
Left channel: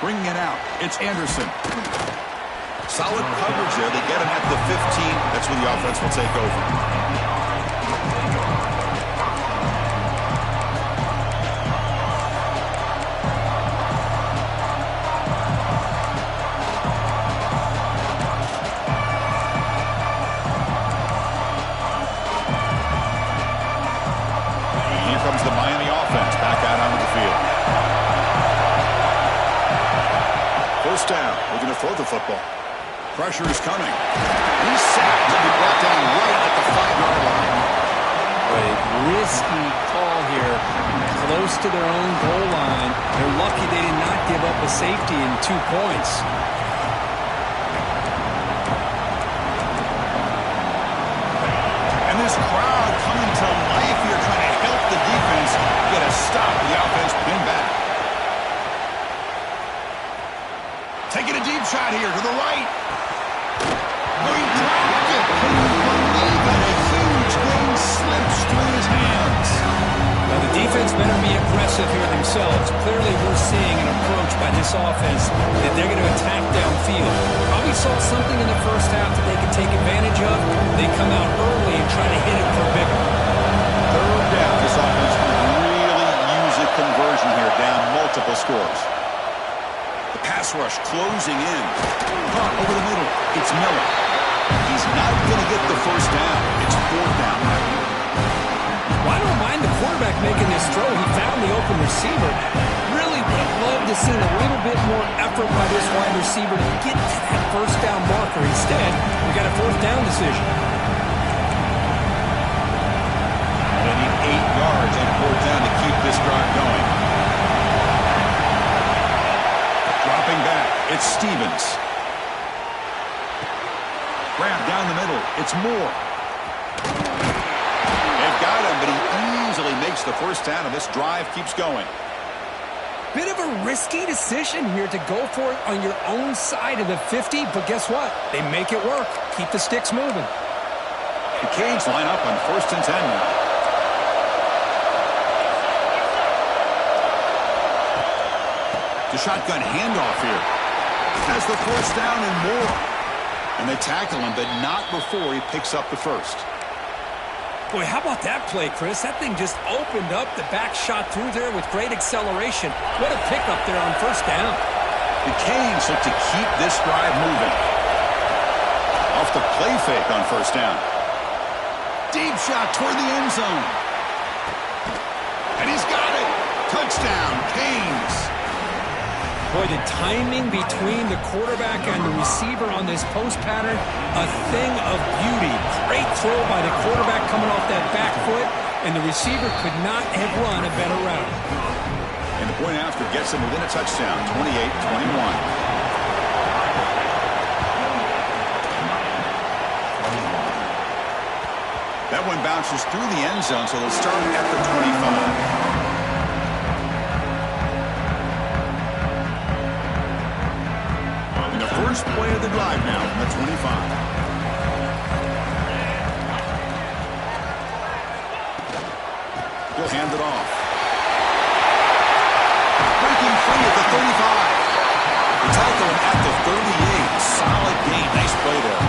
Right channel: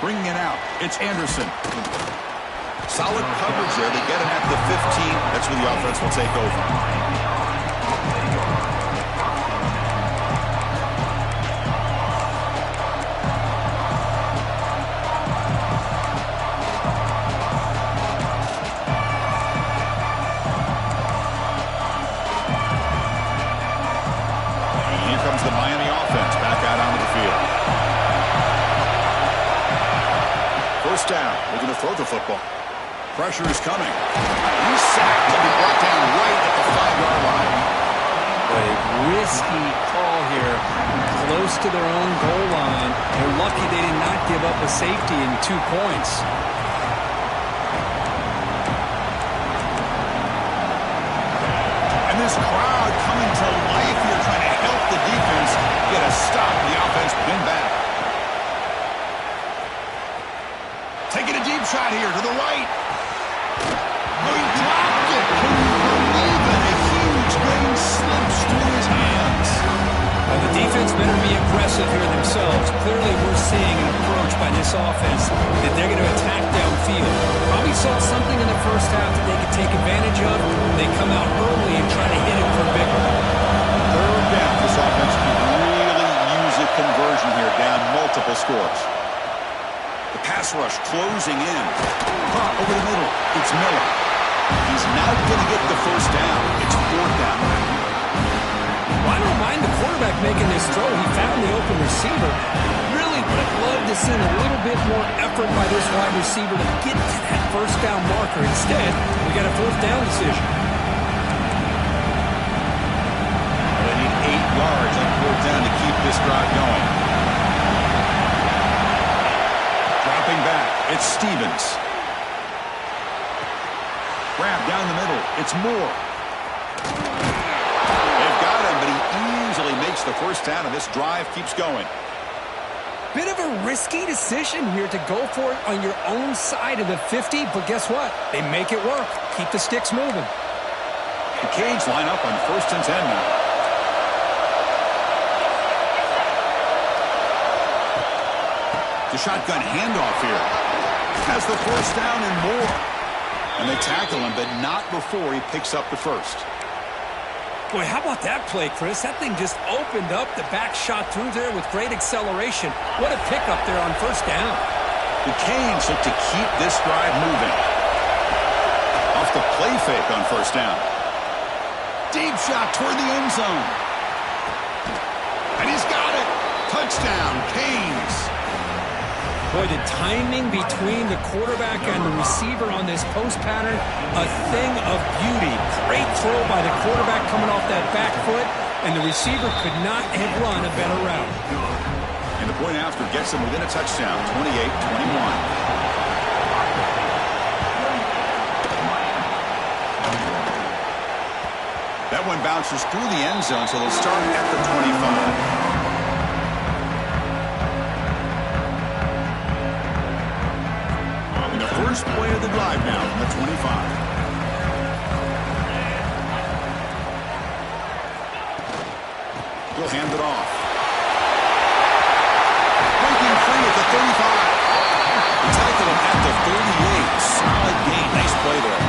Bringing it out, it's Anderson. Solid coverage there. They get him at the 15. That's where the offense will take over. Comes the Miami offense back out onto the field. First down. We're going to throw the football. Pressure is coming. He's sacked and be brought down right at the 5-yard line. A risky call here, close to their own goal line. They're lucky they did not give up a safety in 2 points. And this crowd coming to life here, trying to help the defense get a stop. The offense pinned back. Taking a deep shot here to the right. Oh, he dropped it. Can you believe it? A huge gain slips through his hands. Now the defense better be aggressive here themselves. Clearly we're seeing an approach by this offense that they're going to attack downfield. Probably saw something in the first half that they could take advantage of. They come out early and try to hit it for bigger. Third down. This offense can really use a conversion here, down multiple scores. The pass rush closing in. Over the middle. It's Miller. He's not going to get the first down. It's fourth down now. Well, I don't mind the quarterback making this throw. He found the open receiver. Really Would have loved to seen a little bit more effort by this wide receiver to get to that first down marker. Instead, we got a fourth down decision. Well, they need 8 yards on fourth down to keep this drive going. Dropping back, it's Stevens. Grab down the middle, it's Moore. They've got him, but he easily makes the first down, and this drive keeps going. Bit of a risky decision here to go for it on your own side of the 50, but guess what? They make it work. Keep the sticks moving. The Canes line up on 1st and 10 now. The shotgun handoff here. Has the first down and more. And they tackle him, but not before he picks up the first. Boy, how about that play, Chris? That thing just opened up. The back shot through there with great acceleration. What a pickup there on first down. The Canes look to keep this drive moving. Off the play fake on first down. Deep shot toward the end zone. And he's got it. Touchdown, Canes. Boy, the timing between the quarterback and the receiver on this post pattern, a thing of beauty. Great throw by the quarterback coming off that back foot, and the receiver could not have run a better route. And the point after gets them within a touchdown, 28-21. That one bounces through the end zone, so they'll start at the 25. First play of the drive now from the 25. He'll hand it off. Breaking free at the 35. They tackle him at the 38. Solid gain. Nice play there.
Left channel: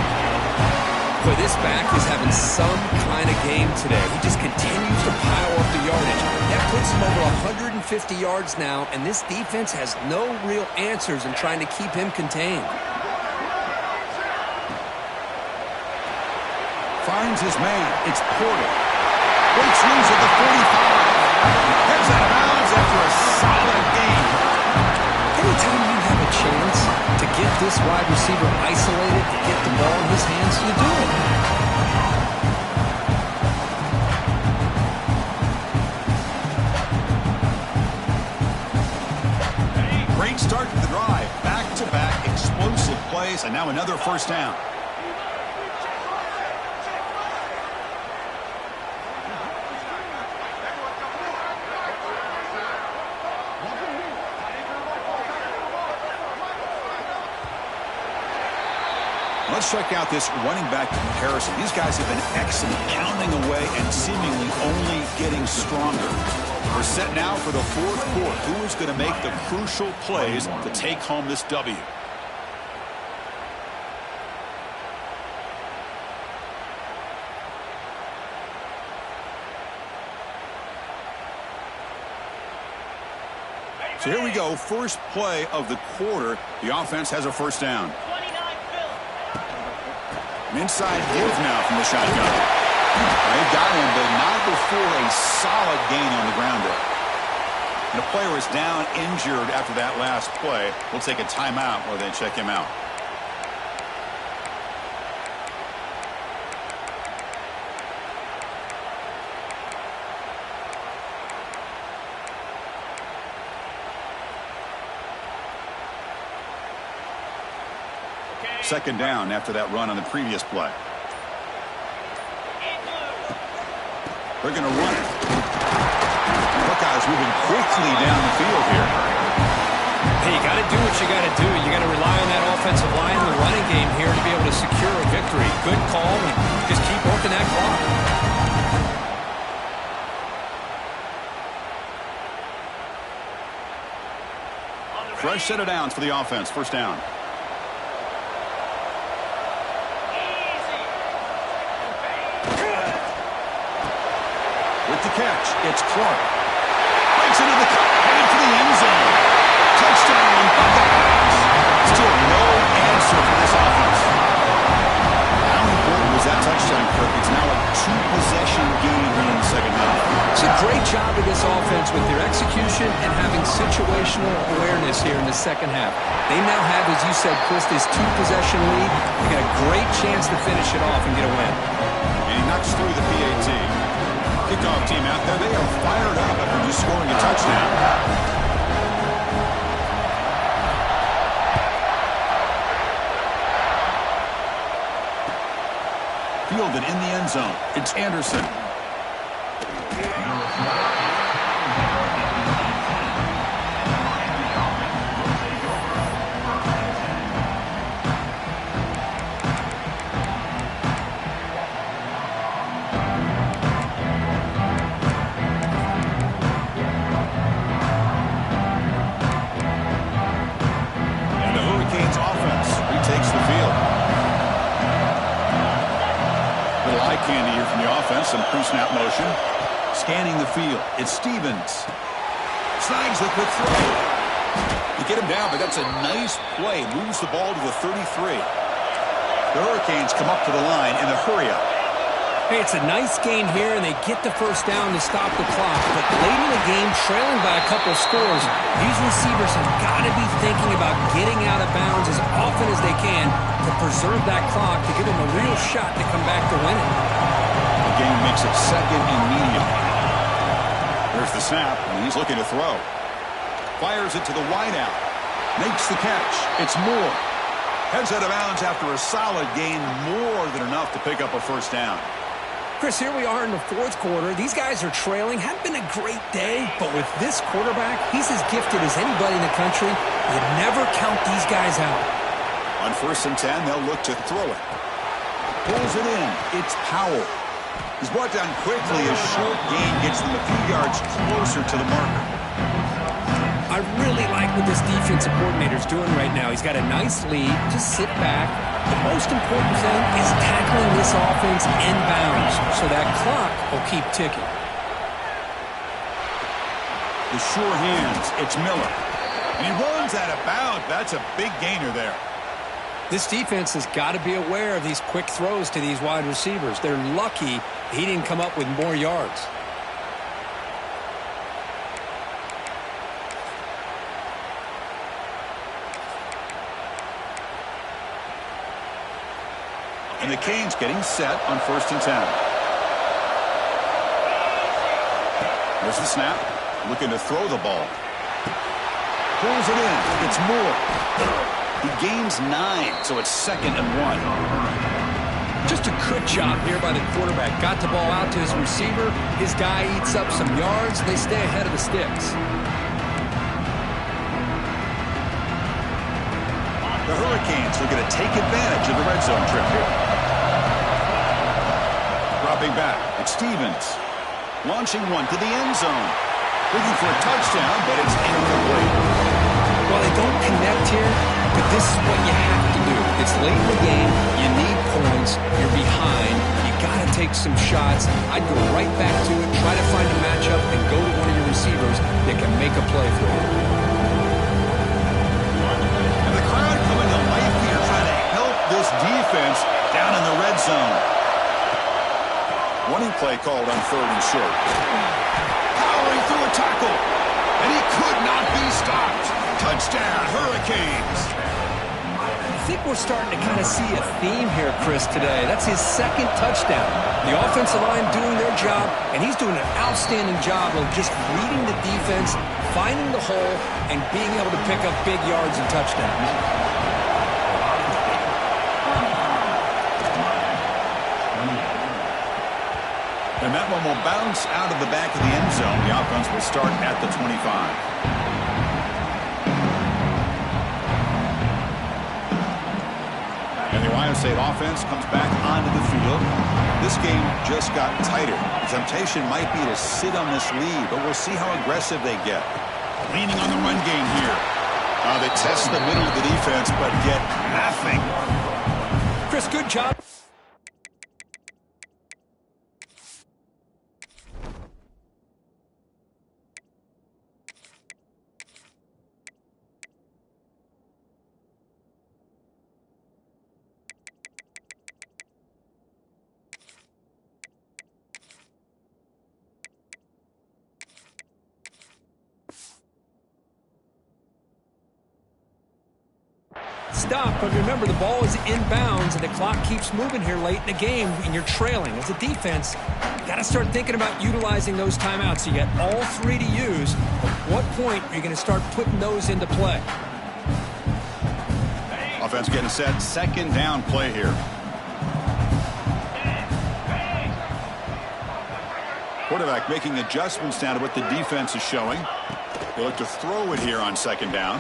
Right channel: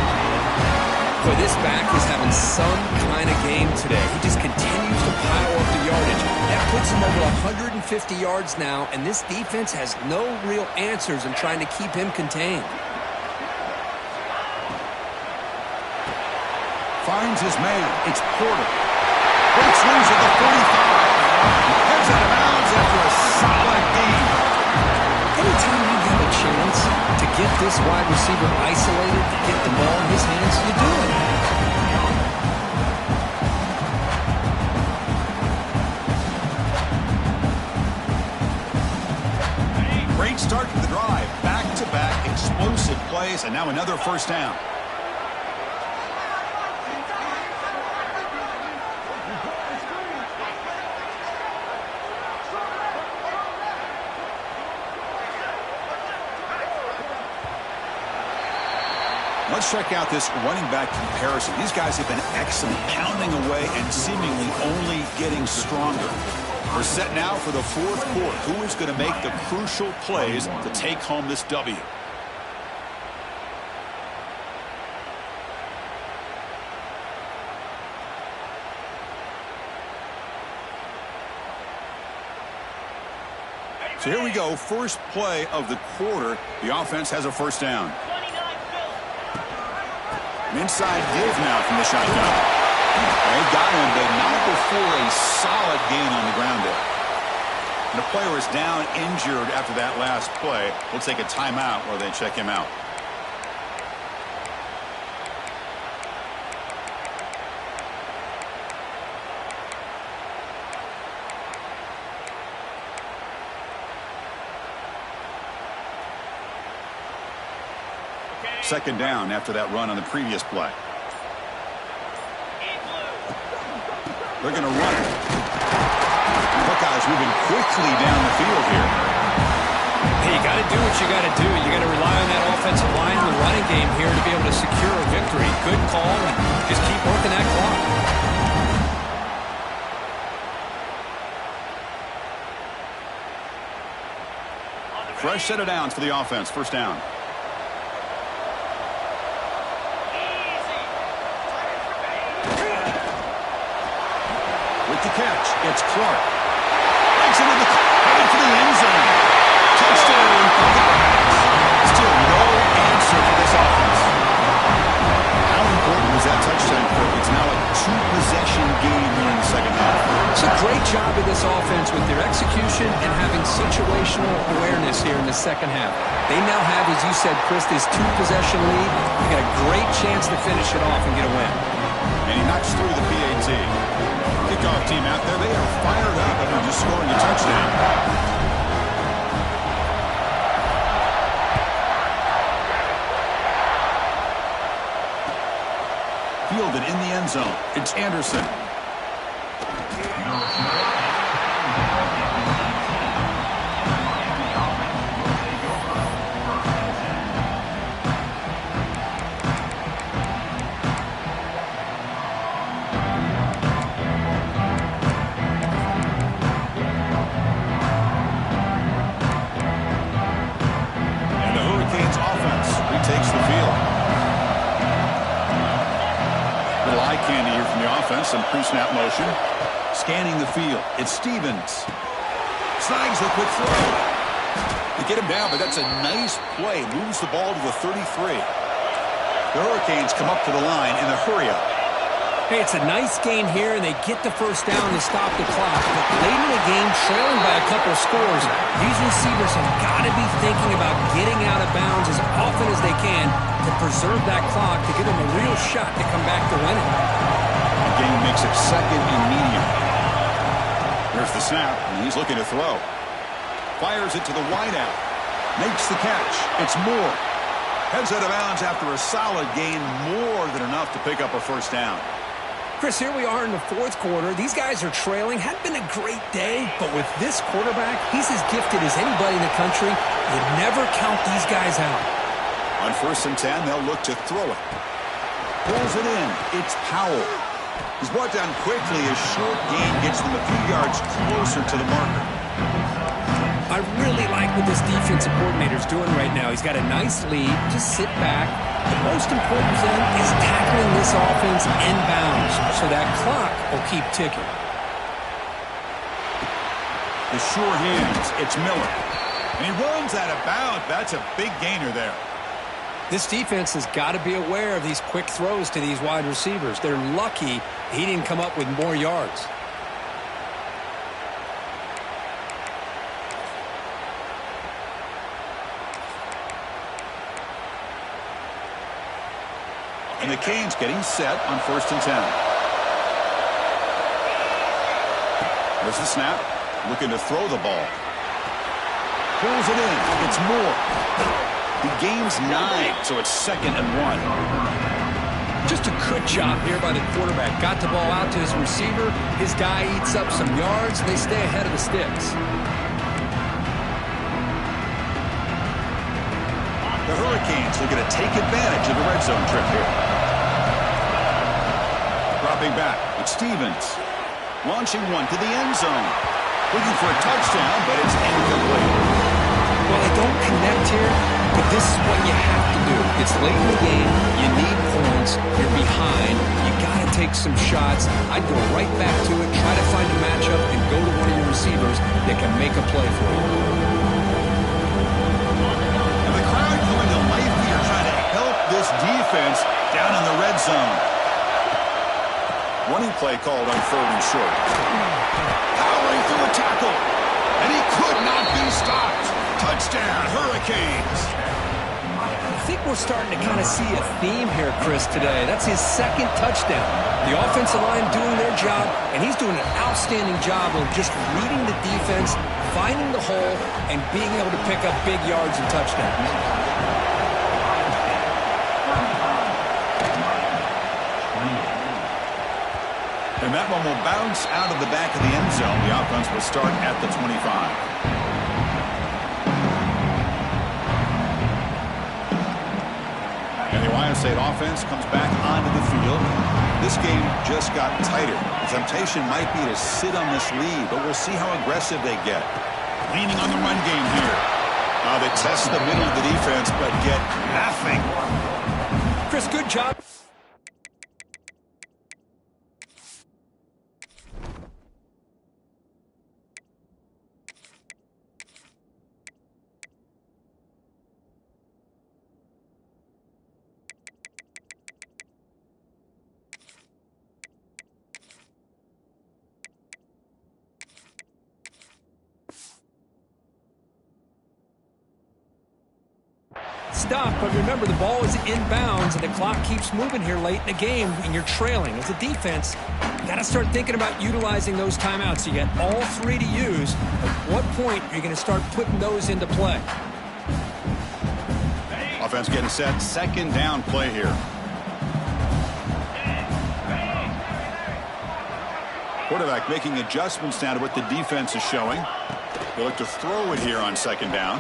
Boy, this back is having some kind of game today. He just continues to pile up the yardage. That puts him over 150 yards now, and this defense has no real answers in trying to keep him contained. Finds his man. It's Porter. Breaks loose at the 45. Heads out of bounds after a solid gain. Anytime you have a chance to get this wide receiver isolated, to get the ball in his hands, you do it. Great start to the drive. Back-to-back explosive plays, and now another first down. Let's check out this running back comparison. These guys have been excellent, pounding away and seemingly only getting stronger. We're set now for the fourth quarter. Who is going to make the crucial plays to take home this W? So here we go. First play of the quarter. The offense has a first down. An inside give now from the shotgun. They got him, but not before a solid gain on the ground there. And a player is down injured after that last play. We'll take a timeout while they check him out. Second down after that run on the previous play. They're going to run it. Buckeyes moving quickly down the field here. Hey, you got to do what you got to do. You got to rely on that offensive line and the running game here to be able to secure a victory. Good call, and just keep working that clock. Fresh set of downs for the offense. First down. With the catch, it's Clark. Breaks into the headed for the end zone. Touchdown, Buckeyes. Still no answer for this offense. How important was that touchdown, Kirk. It's now a two-possession game here in the second half. It's a great job of this offense with their execution and having situational awareness here in the second half. They now have, as you said, Chris, this two-possession lead. They got a great chance to finish it off and get a win. And he knocks through the PAT. Kickoff team out there, they are fired up after just scoring a touchdown. Fielded in the end zone. It's Anderson. And the Hurricanes offense retakes the field. Little eye candy here from the offense. Some pre-snap motion. Scanning the field. It's Stevens. Snags the quick throw. They get him down, but that's a nice play. Moves the ball to the 33. The Hurricanes come up to the line in the hurry-up. Hey, it's a nice gain here, and they get the first down to stop the clock. But late in the game, trailing by a couple scores, these receivers have got to be thinking about getting out of bounds as often as they can to preserve that clock to give them a real shot to come back to win it. The game makes it second and medium. There's the snap, and he's looking to throw. Fires it to the wideout. Makes the catch. It's Moore. Heads out of bounds after a solid gain, more than enough to pick up a first down. Chris, here we are in the fourth quarter. These guys are trailing. Hadn't been a great day, but with this quarterback, he's as gifted as anybody in the country. You never count these guys out. On 1st and 10, they'll look to throw it. Pulls it in. It's Powell. He's brought down quickly as short gain gets them a few yards closer to the marker. I really like what this defensive coordinator's doing right now. He's got a nice lead. Just sit back. The most important thing is tackling this offense inbounds so that clock will keep ticking. The sure hands. It's Miller. And he runs out of bounds. That's a big gainer there. This defense has got to be aware of these quick throws to these wide receivers. They're lucky he didn't come up with more yards. And the Canes getting set on 1st and 10. There's the snap. Looking to throw the ball. Pulls it in. It's Moore. He gains 9, so it's 2nd and 1. Just a good job here by the quarterback. Got the ball out to his receiver. His guy eats up some yards. They stay ahead of the sticks. The Hurricanes looking to take advantage of the red zone trip here. Dropping back, it's Stevens. Launching one to the end zone. Looking for a touchdown, but it's incomplete. Well, they don't connect here, but this is what you have to do. It's late in the game. You need points. You're behind. You got to take some shots. I'd go right back to it, try to find a matchup, and go to one of your receivers that can make a play for you. And the crowd coming to life here, trying to help this defense down in the red zone. Running play called on 3rd and short. Powering through a tackle. And he could not be stopped. Touchdown, Hurricanes. I think we're starting to kind of see a theme here, Chris, today. That's his 2nd touchdown. The offensive line doing their job, and he's doing an outstanding job of just reading the defense, finding the hole, and being able to pick up big yards and touchdowns. And that one will bounce out of the back of the end zone. The offense will start at the 25. And the Ohio State offense comes back onto the field. This game just got tighter. The temptation might be to sit on this lead, but we'll see how aggressive they get. Leaning on the run game here. They test the middle of the defense, but get nothing. Chris, good job. stop, but remember, the ball is inbounds, and the clock keeps moving here late in the game, and you're trailing. As a defense, you got to start thinking about utilizing those timeouts. You got all three to use. At what point are you going to start putting those into play? Offense getting set. Second down play here. Quarterback making adjustments now to what the defense is showing. They look to throw it here on second down.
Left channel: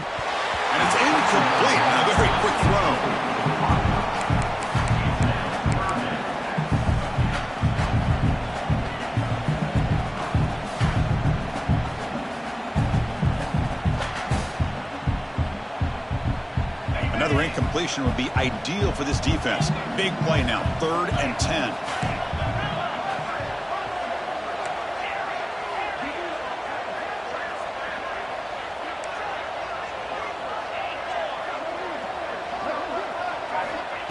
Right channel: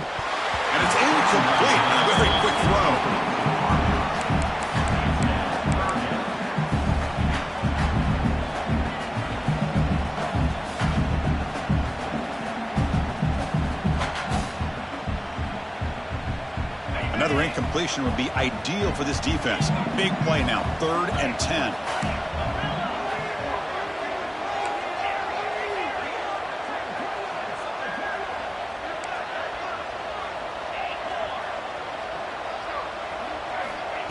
And it's incomplete. And a very quick throw. Another incompletion would be ideal for this defense. Big play now. 3rd and 10.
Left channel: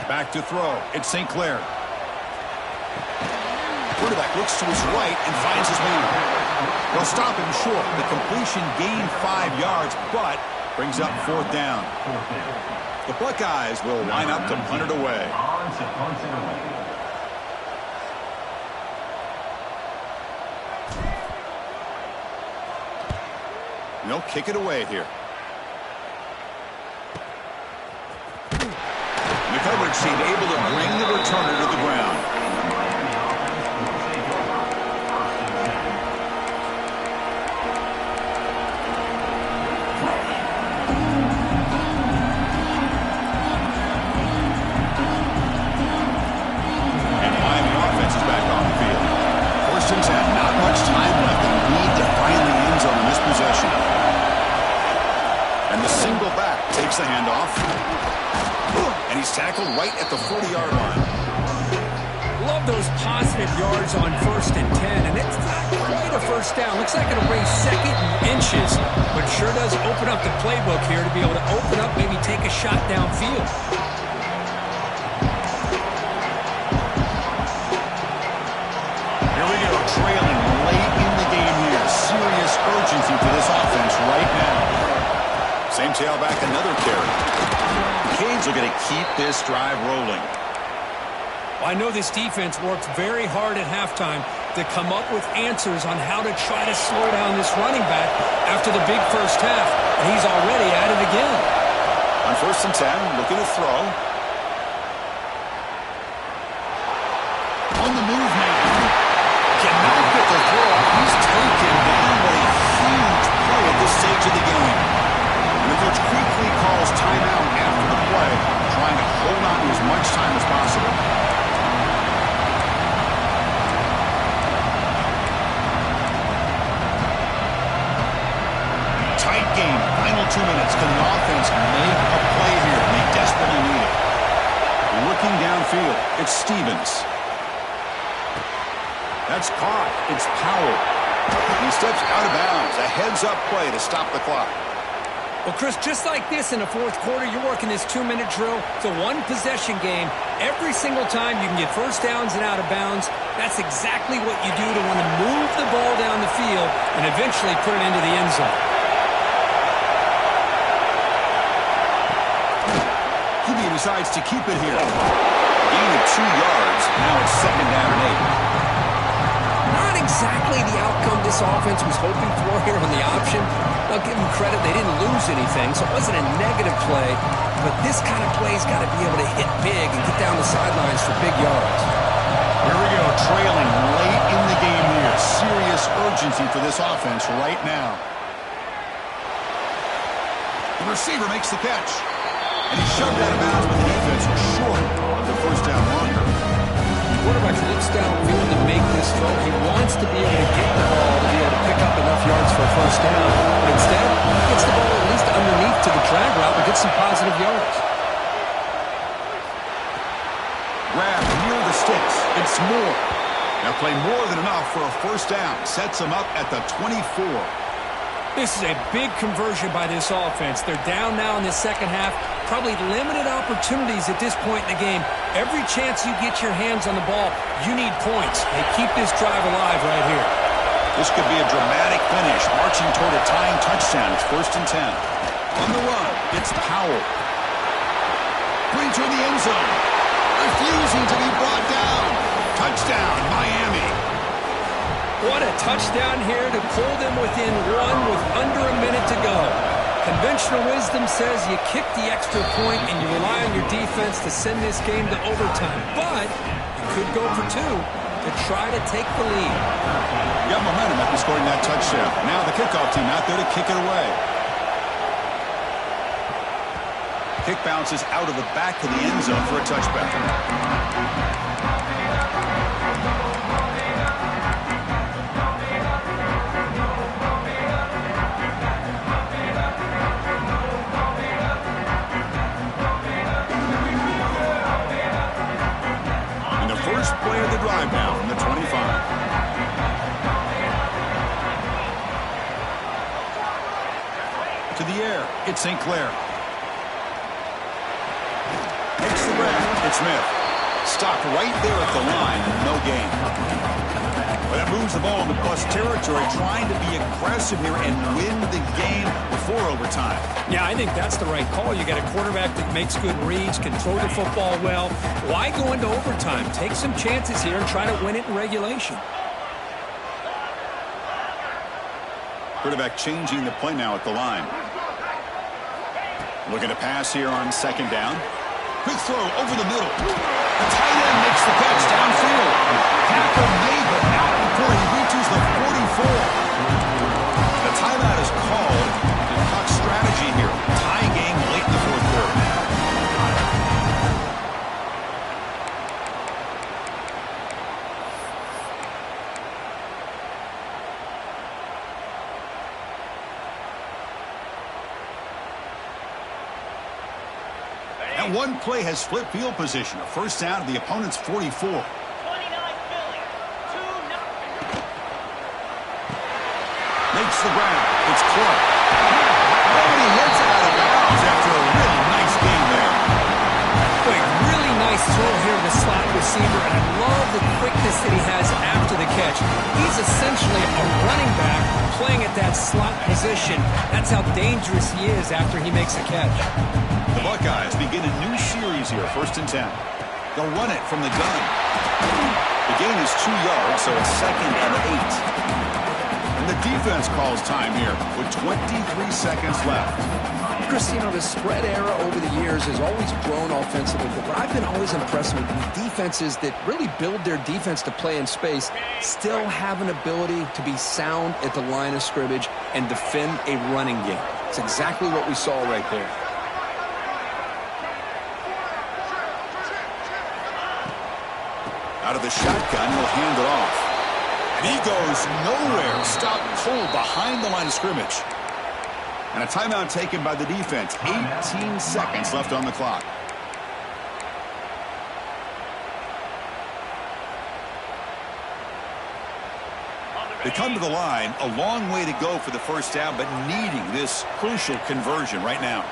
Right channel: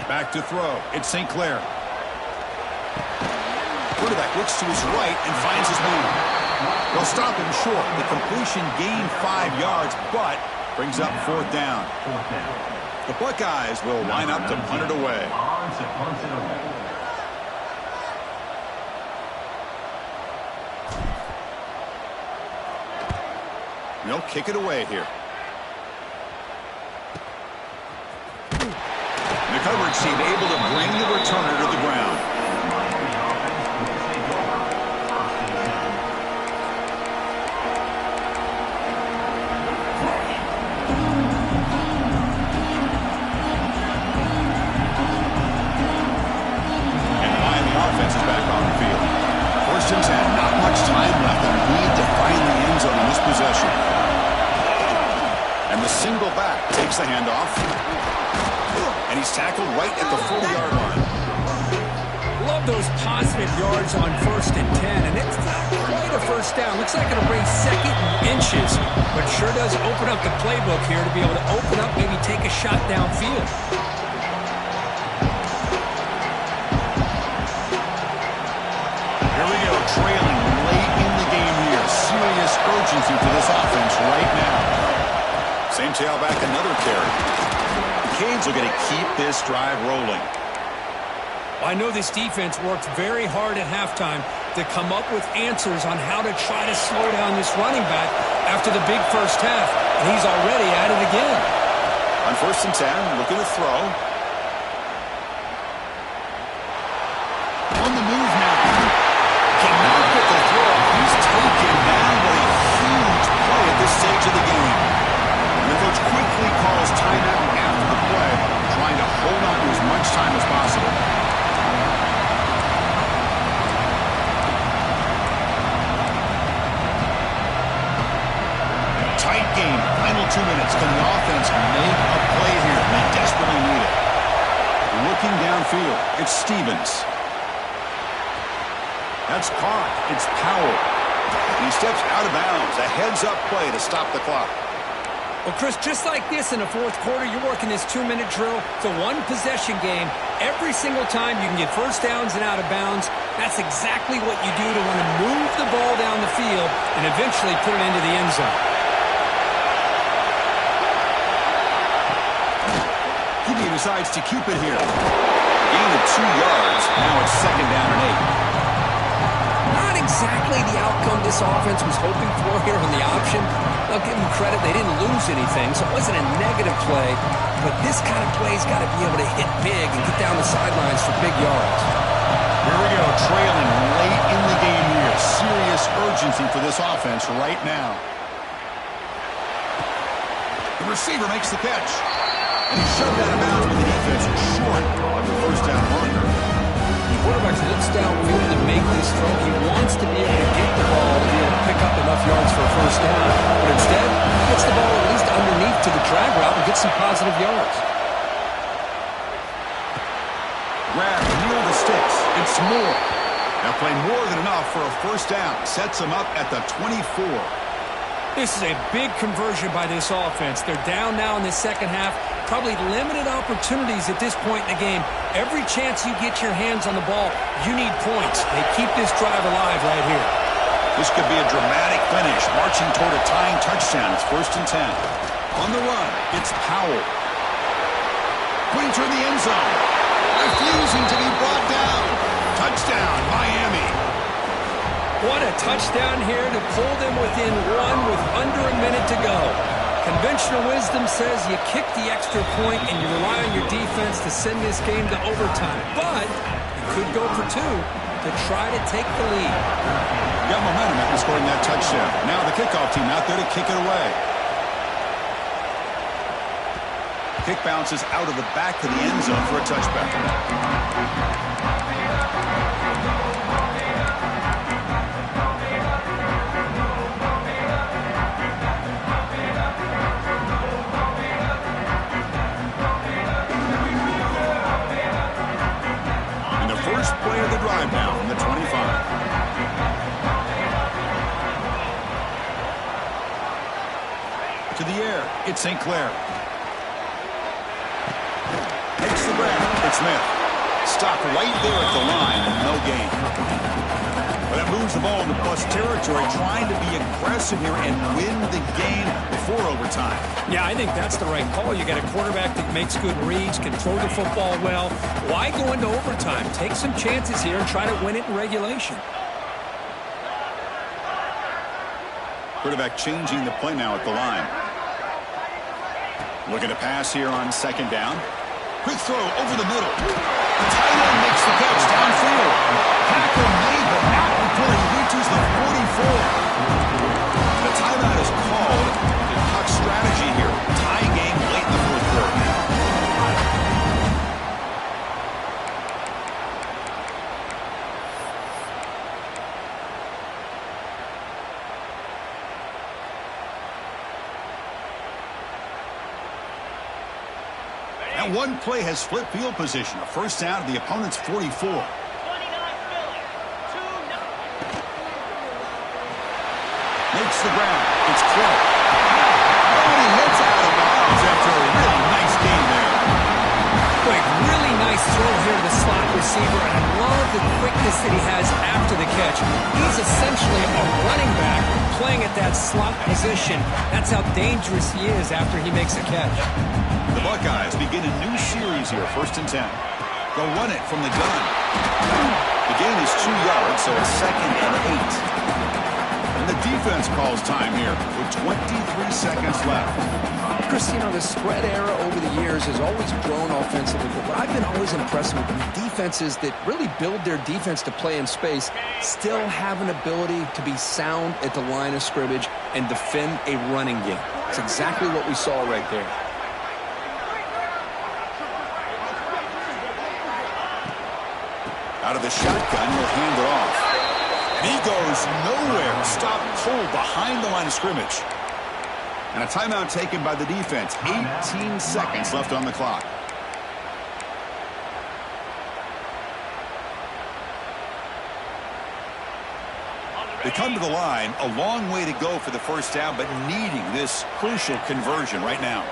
Back to throw. It's St. Clair. Quarterback looks to his right and finds his man. They'll stop him short. The completion gained 5 yards, but brings up 4th down. The Buckeyes will line up to punt it away. They'll kick it away here. The coverage team able to bring the returner to the ground. And Miami offense is back on the field. 1st and 10, not much time left. They need to find the end zone in this possession. And the single back takes the handoff. And he's tackled right at the 40-yard line. Love those positive yards on 1st and 10, and it's not quite a first down. Looks like it'll bring 2nd and inches, but it sure does open up the playbook here to be able to open up, maybe take a shot downfield. Here we go, trailing late in the game here. Serious urgency for this offense right now. Same tailback, another carry. Canes are going to keep this drive rolling. Well, I know this defense worked very hard at halftime to come up with answers on how to try to slow down this running back after the big first half, and he's already at it again. On 1st and 10, looking to throw. On the move now. Cannot get the throw off. He's taken down. What a huge play at this stage of the game. And the coach quickly calls timeout after the play, trying to hold on to as much time as possible. Tight game. Final 2 minutes. Can the offense make a play here? They desperately need it. Looking downfield, it's Stevens. That's caught. It's Powell. He steps out of bounds. A heads-up play to stop the clock. Well, Chris, just like this in the 4th quarter, you're working this 2-minute drill. It's a one-possession game. Every single time you can get first downs and out of bounds. That's exactly what you do to want to move the ball down the field and eventually put it into the end zone. He decides to keep it here. Gain of 2 yards. Now it's 2nd down and 8. Not exactly the outcome this offense was hoping for here on the option. I'll give them credit. They didn't lose anything, so it wasn't a negative play. But this kind of play's got to be able to hit big and get down the sidelines for big yards. Here we go, trailing late in the game here. Serious urgency for this offense right now. The receiver makes the catch. And he's shoved out of bounds, but the defense is short of the first down marker. The quarterback looks downfield to make this throw. He wants to be able to get the ball to be able to pick up enough yards for a first down. But instead, he gets the ball at least underneath to the drag route and gets some positive yards. Grab near the sticks. It's Moore. They'll play more than enough for a first down. Sets them up at the 24. This is a big conversion by this offense. They're down now in the second half. Probably limited opportunities at this point in the game. Every chance you get your hands on the ball, you need points. They keep this drive alive right here. This could be a dramatic finish, marching toward a tying touchdown. It's 1st and 10. On the run, it's Powell. putting toward the end zone. Refusing to be brought down. Touchdown, Miami. What a touchdown here to pull them within one with under a minute to go. Conventional wisdom says you kick the extra point and you rely on your defense to send this game to overtime. But you could go for two to try to take the lead. Got momentum after scoring that touchdown. Now the kickoff team out there to kick it away. Kick bounces out of the back of the end zone for a touchback. And the first play of the drive now from the 25. To the air, it's St. Clair. Takes the grab. It's Smith. Stopped right there at the line and no gain. Well, that moves the ball into plus territory, trying to be aggressive here and win the game before overtime. Yeah, I think that's the right call. You got a quarterback that makes good reads, can throw the football well. Why go into overtime? Take some chances here and try to win it in regulation. Quarterback changing the play now at the line. Looking to pass here on second down. Quick throw over the middle. The tight end makes the catch downfield. Tackle made, but not before he reaches the 44. The timeout is called. The clock strategy here. Tie game late in the fourth quarter. And one play has flipped field position. A first down at the opponent's 44. 29 Philly. 2-0. Makes the grab. It's Clark. And he hits out of bounds after a really nice game there. Quick, really nice throw here to the slot receiver, and I love the quickness that he has after the catch. He's essentially a running back playing at that slot position. That's how dangerous he is after he makes a catch. The Buckeyes begin a new series here, 1st and 10. They'll run it from the gun. The gain is 2 yards, so it's 2nd and 8. And the defense calls time here with 23 seconds left. Chris, you know, the spread era over the years has always grown offensively, but what I've been always impressed with defenses that really build their defense to play in space still have an ability to be sound at the line of scrimmage and defend a running game. It's exactly what we saw right there. Out of the shotgun, he'll hand it off. And he goes nowhere. Stop cold behind the line of scrimmage. And a timeout taken by the defense. 18 seconds left on the clock. They come to the line, a long way to go for the first down, but needing this crucial conversion right now.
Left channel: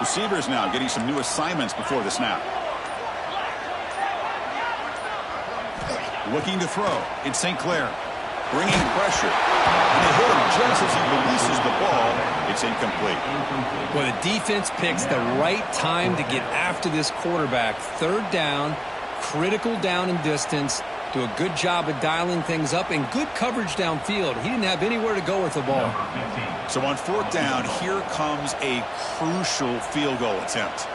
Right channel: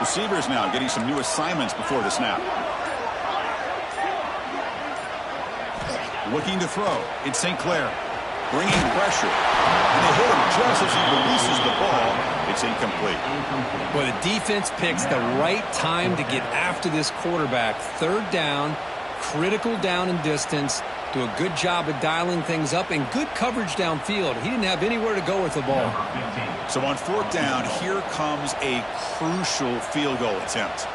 Receivers now getting some new assignments before the snap. Looking to throw. It's St. Clair. Bringing pressure. And they hit him just as he releases the ball. It's incomplete. Well, the defense picks the right time to get after this quarterback. 3rd down, critical down and distance. Do a good job of dialing things up and good coverage downfield. He didn't have anywhere to go with the ball. So on 4th down, here comes a crucial field goal attempt.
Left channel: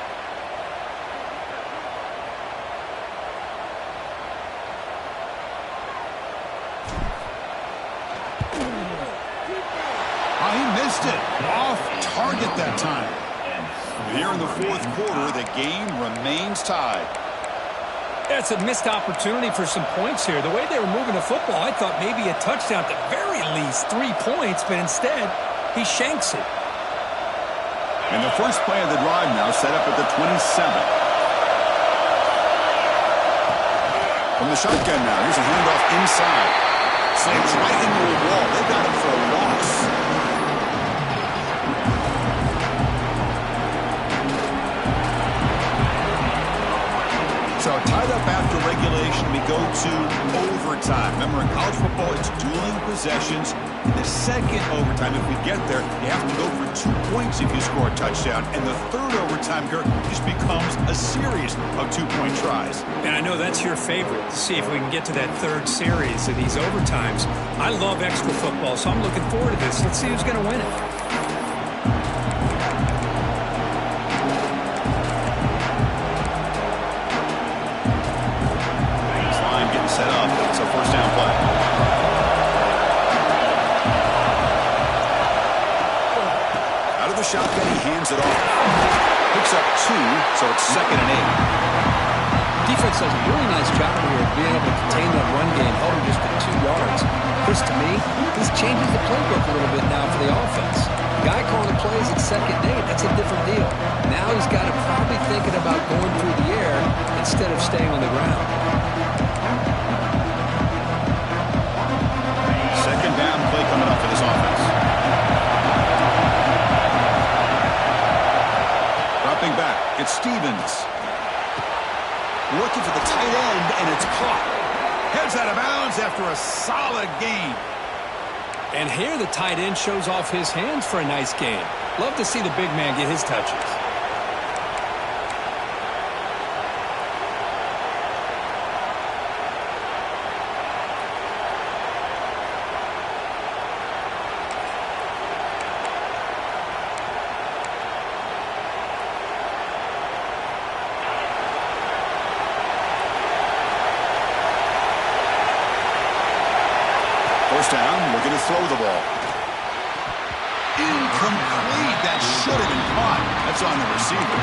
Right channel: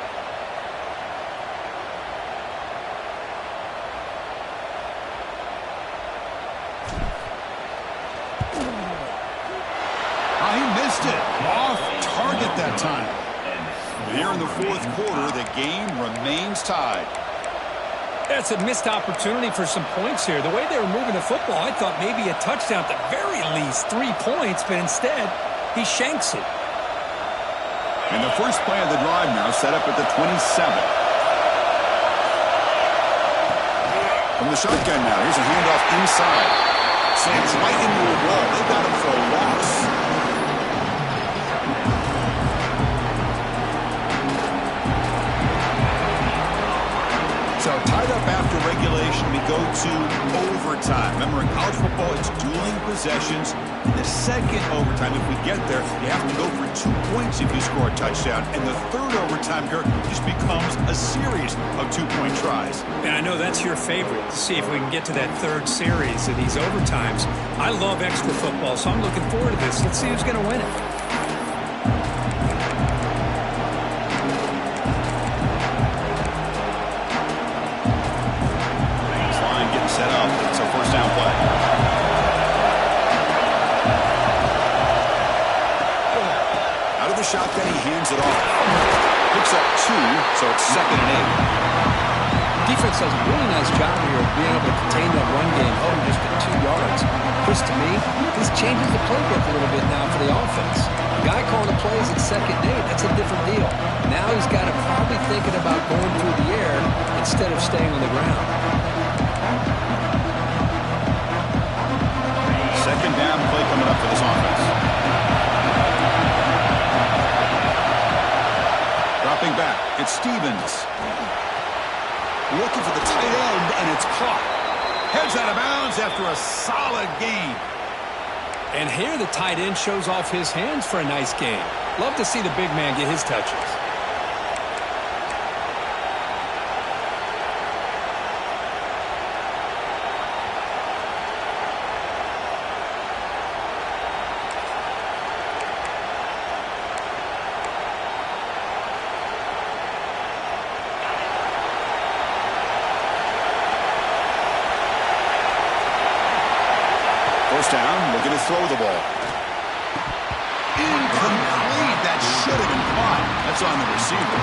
He missed it. Off target that time. Here in the 4th quarter, the game remains tied. That's a missed opportunity for some points here. The way they were moving the football, I thought maybe a touchdown, at the very least 3 points, but instead he shanks it. And the first play of the drive now set up at the 27. From the shotgun now, here's a handoff inside. Slams right into a wall. They've got him for a loss. So tied up after regulation. regulation, we go to overtime. Remember, in college football, it's dueling possessions. In the second overtime, if we get there, you have to go for 2 points if you score a touchdown. And the third overtime, Kurt, just becomes a series of 2-point tries. And I know that's your favorite, to see if we can get to that third series of these overtimes. I love extra football, so I'm looking forward to this. Let's see who's going to win it. Set up. It's a first down play. Out of the shotgun, he hands it off. Picks up 2, so it's 2nd and 8. Defense does a really nice job here of being able to contain that run game home just at 2 yards. Chris, to me, this changes the playbook a little bit now for the offense. The guy calling the plays at 2nd and 8, that's a different deal. Now he's got to probably thinking about going through the air instead of staying on the ground. Second down play coming up for this offense. Dropping back, it's Stevens. Looking for the tight end, and it's caught. Heads out of bounds after a solid gain. And here the tight end shows off his hands for a nice gain. Love to see the big man get his touches. First down, we're going to throw the ball. Incomplete. That should have been caught. That's on the receiver.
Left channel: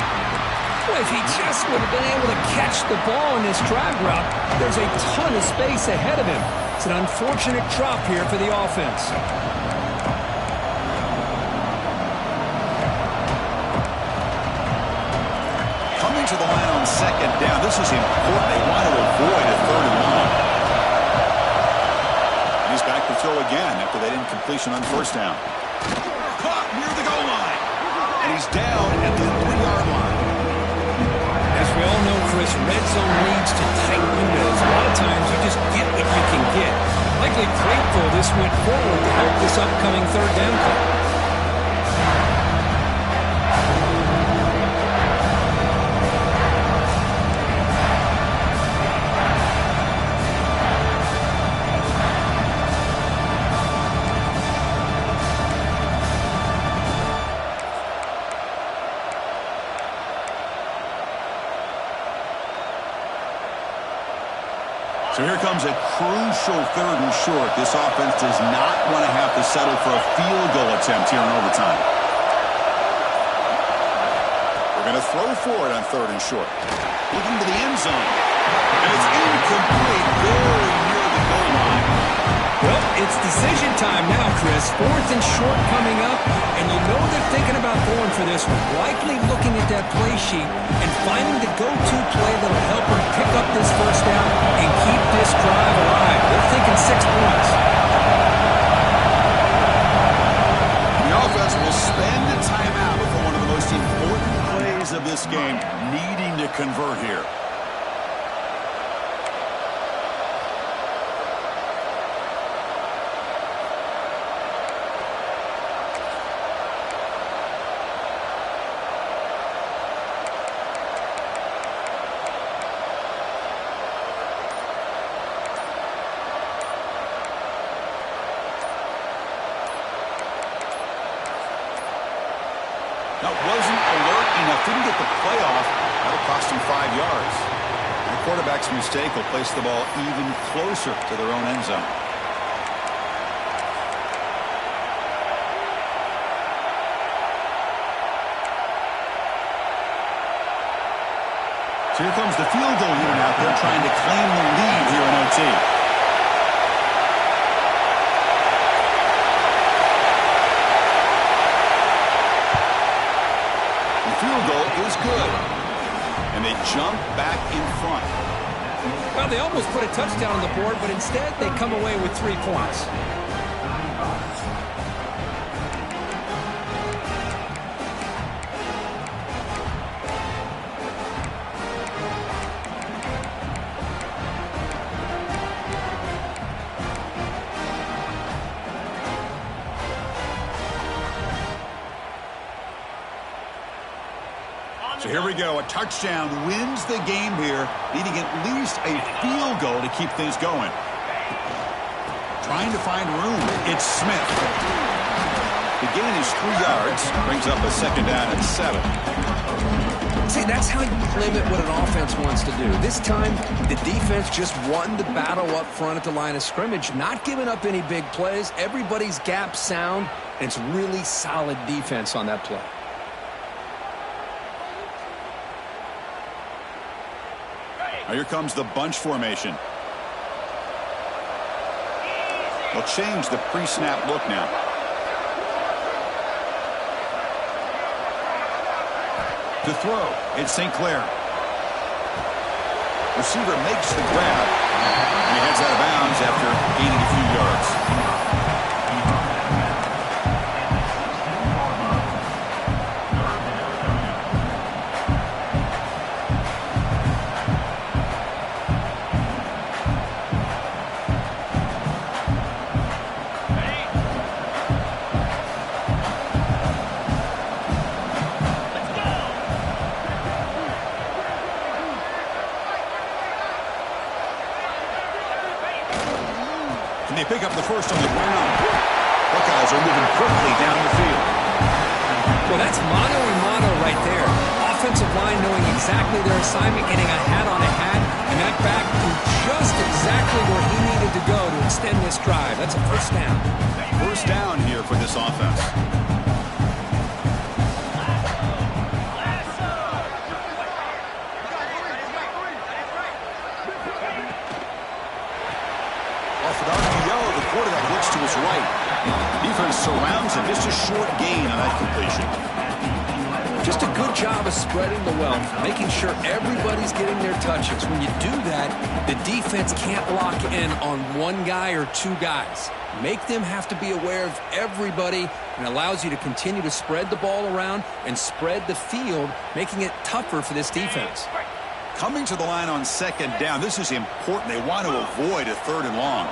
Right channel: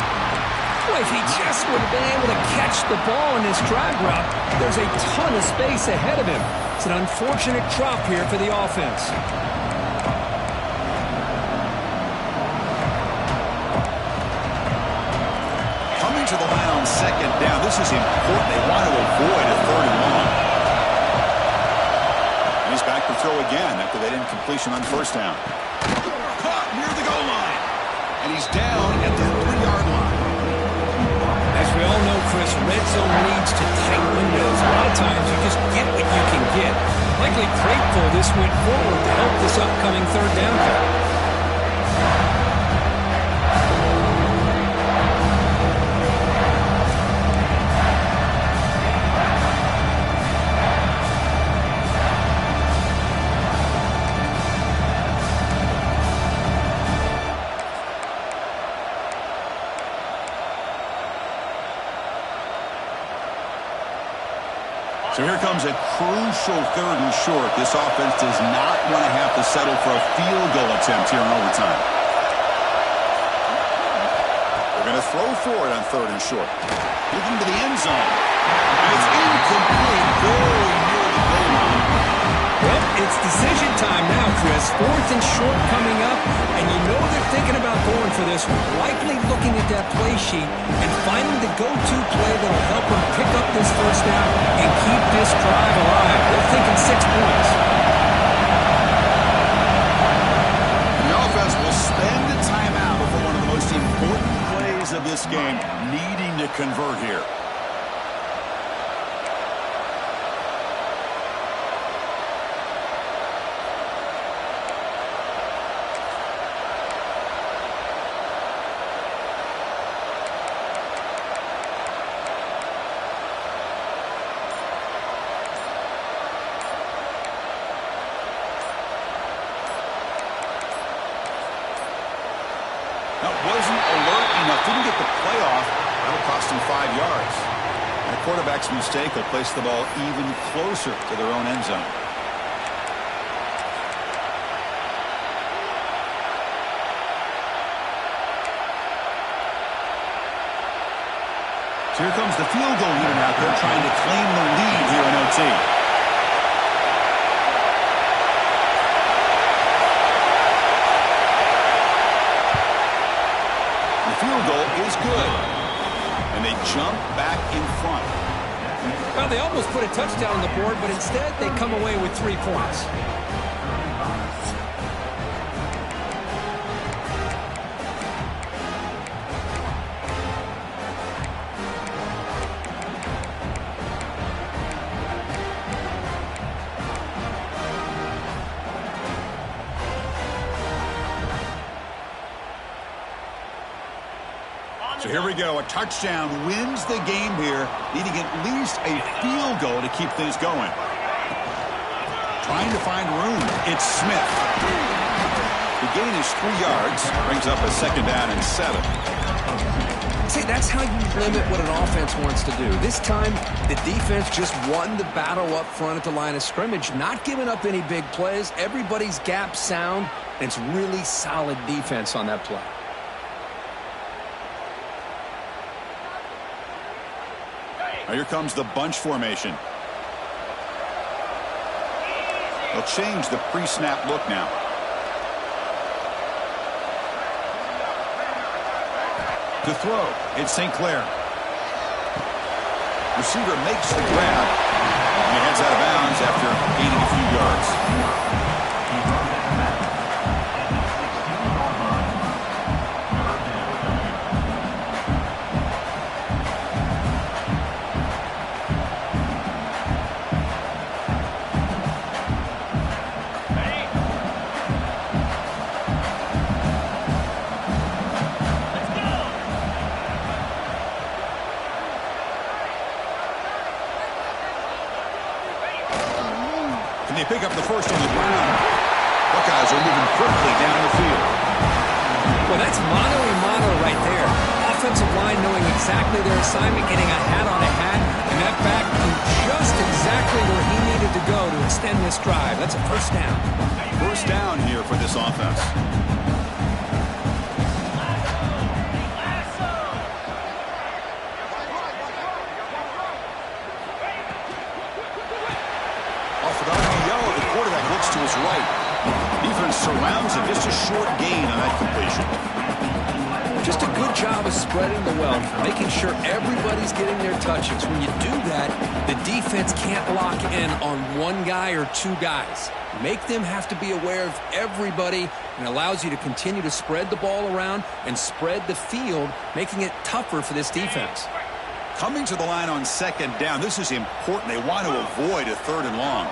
Boy, if he just would have been able to catch the ball in this drag route, there's a ton of space ahead of him. It's an unfortunate drop here for the offense. Coming to the line on 2nd down. This is important. They want to avoid a 3rd and long. He's back to throw again after that incompletion on first down. Caught near the goal line. And he's down at the 3-yard line. As we all know, Chris, red zone leads to tight windows. A lot of times you just get what you can get. Likely grateful this went forward to help this upcoming 3rd down call. So here comes a crucial 3rd and short. This offense does not want to have to settle for a field goal attempt here in overtime. We're going to throw for it on 3rd and short. Looking to the end zone. And it's incomplete, very near the goal line. Well, it's decision time now, Chris. 4th and short coming up, and you know they're thinking about going for this one. Likely looking at that play sheet and finding the go-to play that'll help them pick up this first down and keep this drive alive. They're thinking 6 points. The offense will spend a timeout before one of the most important plays of this game, needing to convert here. That wasn't alert enough. Didn't get the play off. That'll cost him 5 yards. And a quarterback's mistake will place the ball even closer to their own end zone. So here comes the field goal unit out there trying to claim the lead here in OT. Field goal is good. And they jump back in front. Well, they almost put a touchdown on the board, but instead they come away with 3 points. So here we go. A touchdown wins the game here, needing at least a field goal to keep things going. Trying to find room. It's Smith. The gain is 3 yards. Brings up a 2nd down and 7. See, that's how you limit what an offense wants to do. This time, the defense just won the battle up front at the line of scrimmage, not giving up any big plays. Everybody's gap sound, and it's really solid defense on that play. Now here comes the bunch formation. They'll change the pre-snap look now. To throw, it's St. Clair. Receiver makes the grab, and he heads out of bounds after gaining a few yards. Can they pick up the first on the ground? Buckeyes are moving quickly down the field. Well, that's mano-a-mano right there. Offensive line knowing exactly their assignment, getting a hat on a hat, and that back threw just exactly where he needed to go to extend this drive. That's a first down. First down here for this offense. Off an RPO, the quarterback looks to his right. Defense surrounds him. Just a short gain on that completion. Just a good job of spreading the wealth, making sure everybody's getting their touches. When you do that, the defense can't lock in on one guy or two guys. Make them have to be aware of everybody, and allows you to continue to spread the ball around and spread the field, making it tougher for this defense. Coming to the line on 2nd down. This is important. They want to avoid a 3rd and long.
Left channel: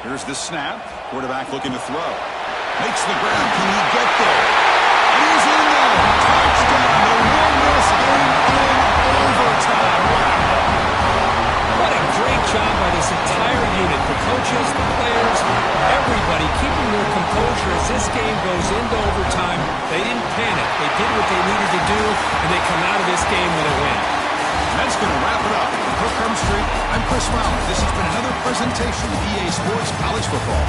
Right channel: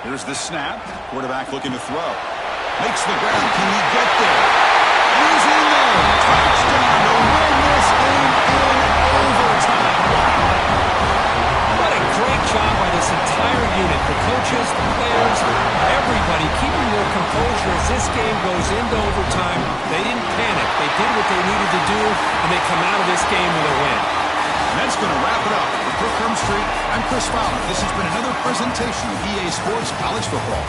Here's the snap. Quarterback looking to throw. Makes the ground. Can he get there? And he's in there. Touchdown to win this game in overtime. Wow. What a great job by this entire unit. The coaches, the players, everybody keeping their composure as this game goes into overtime. They didn't panic. They did what they needed to do, and they come out of this game with a win. And that's going to wrap it up. For Kirk Street, I'm Chris Fowler. This has been another presentation of EA Sports College Football.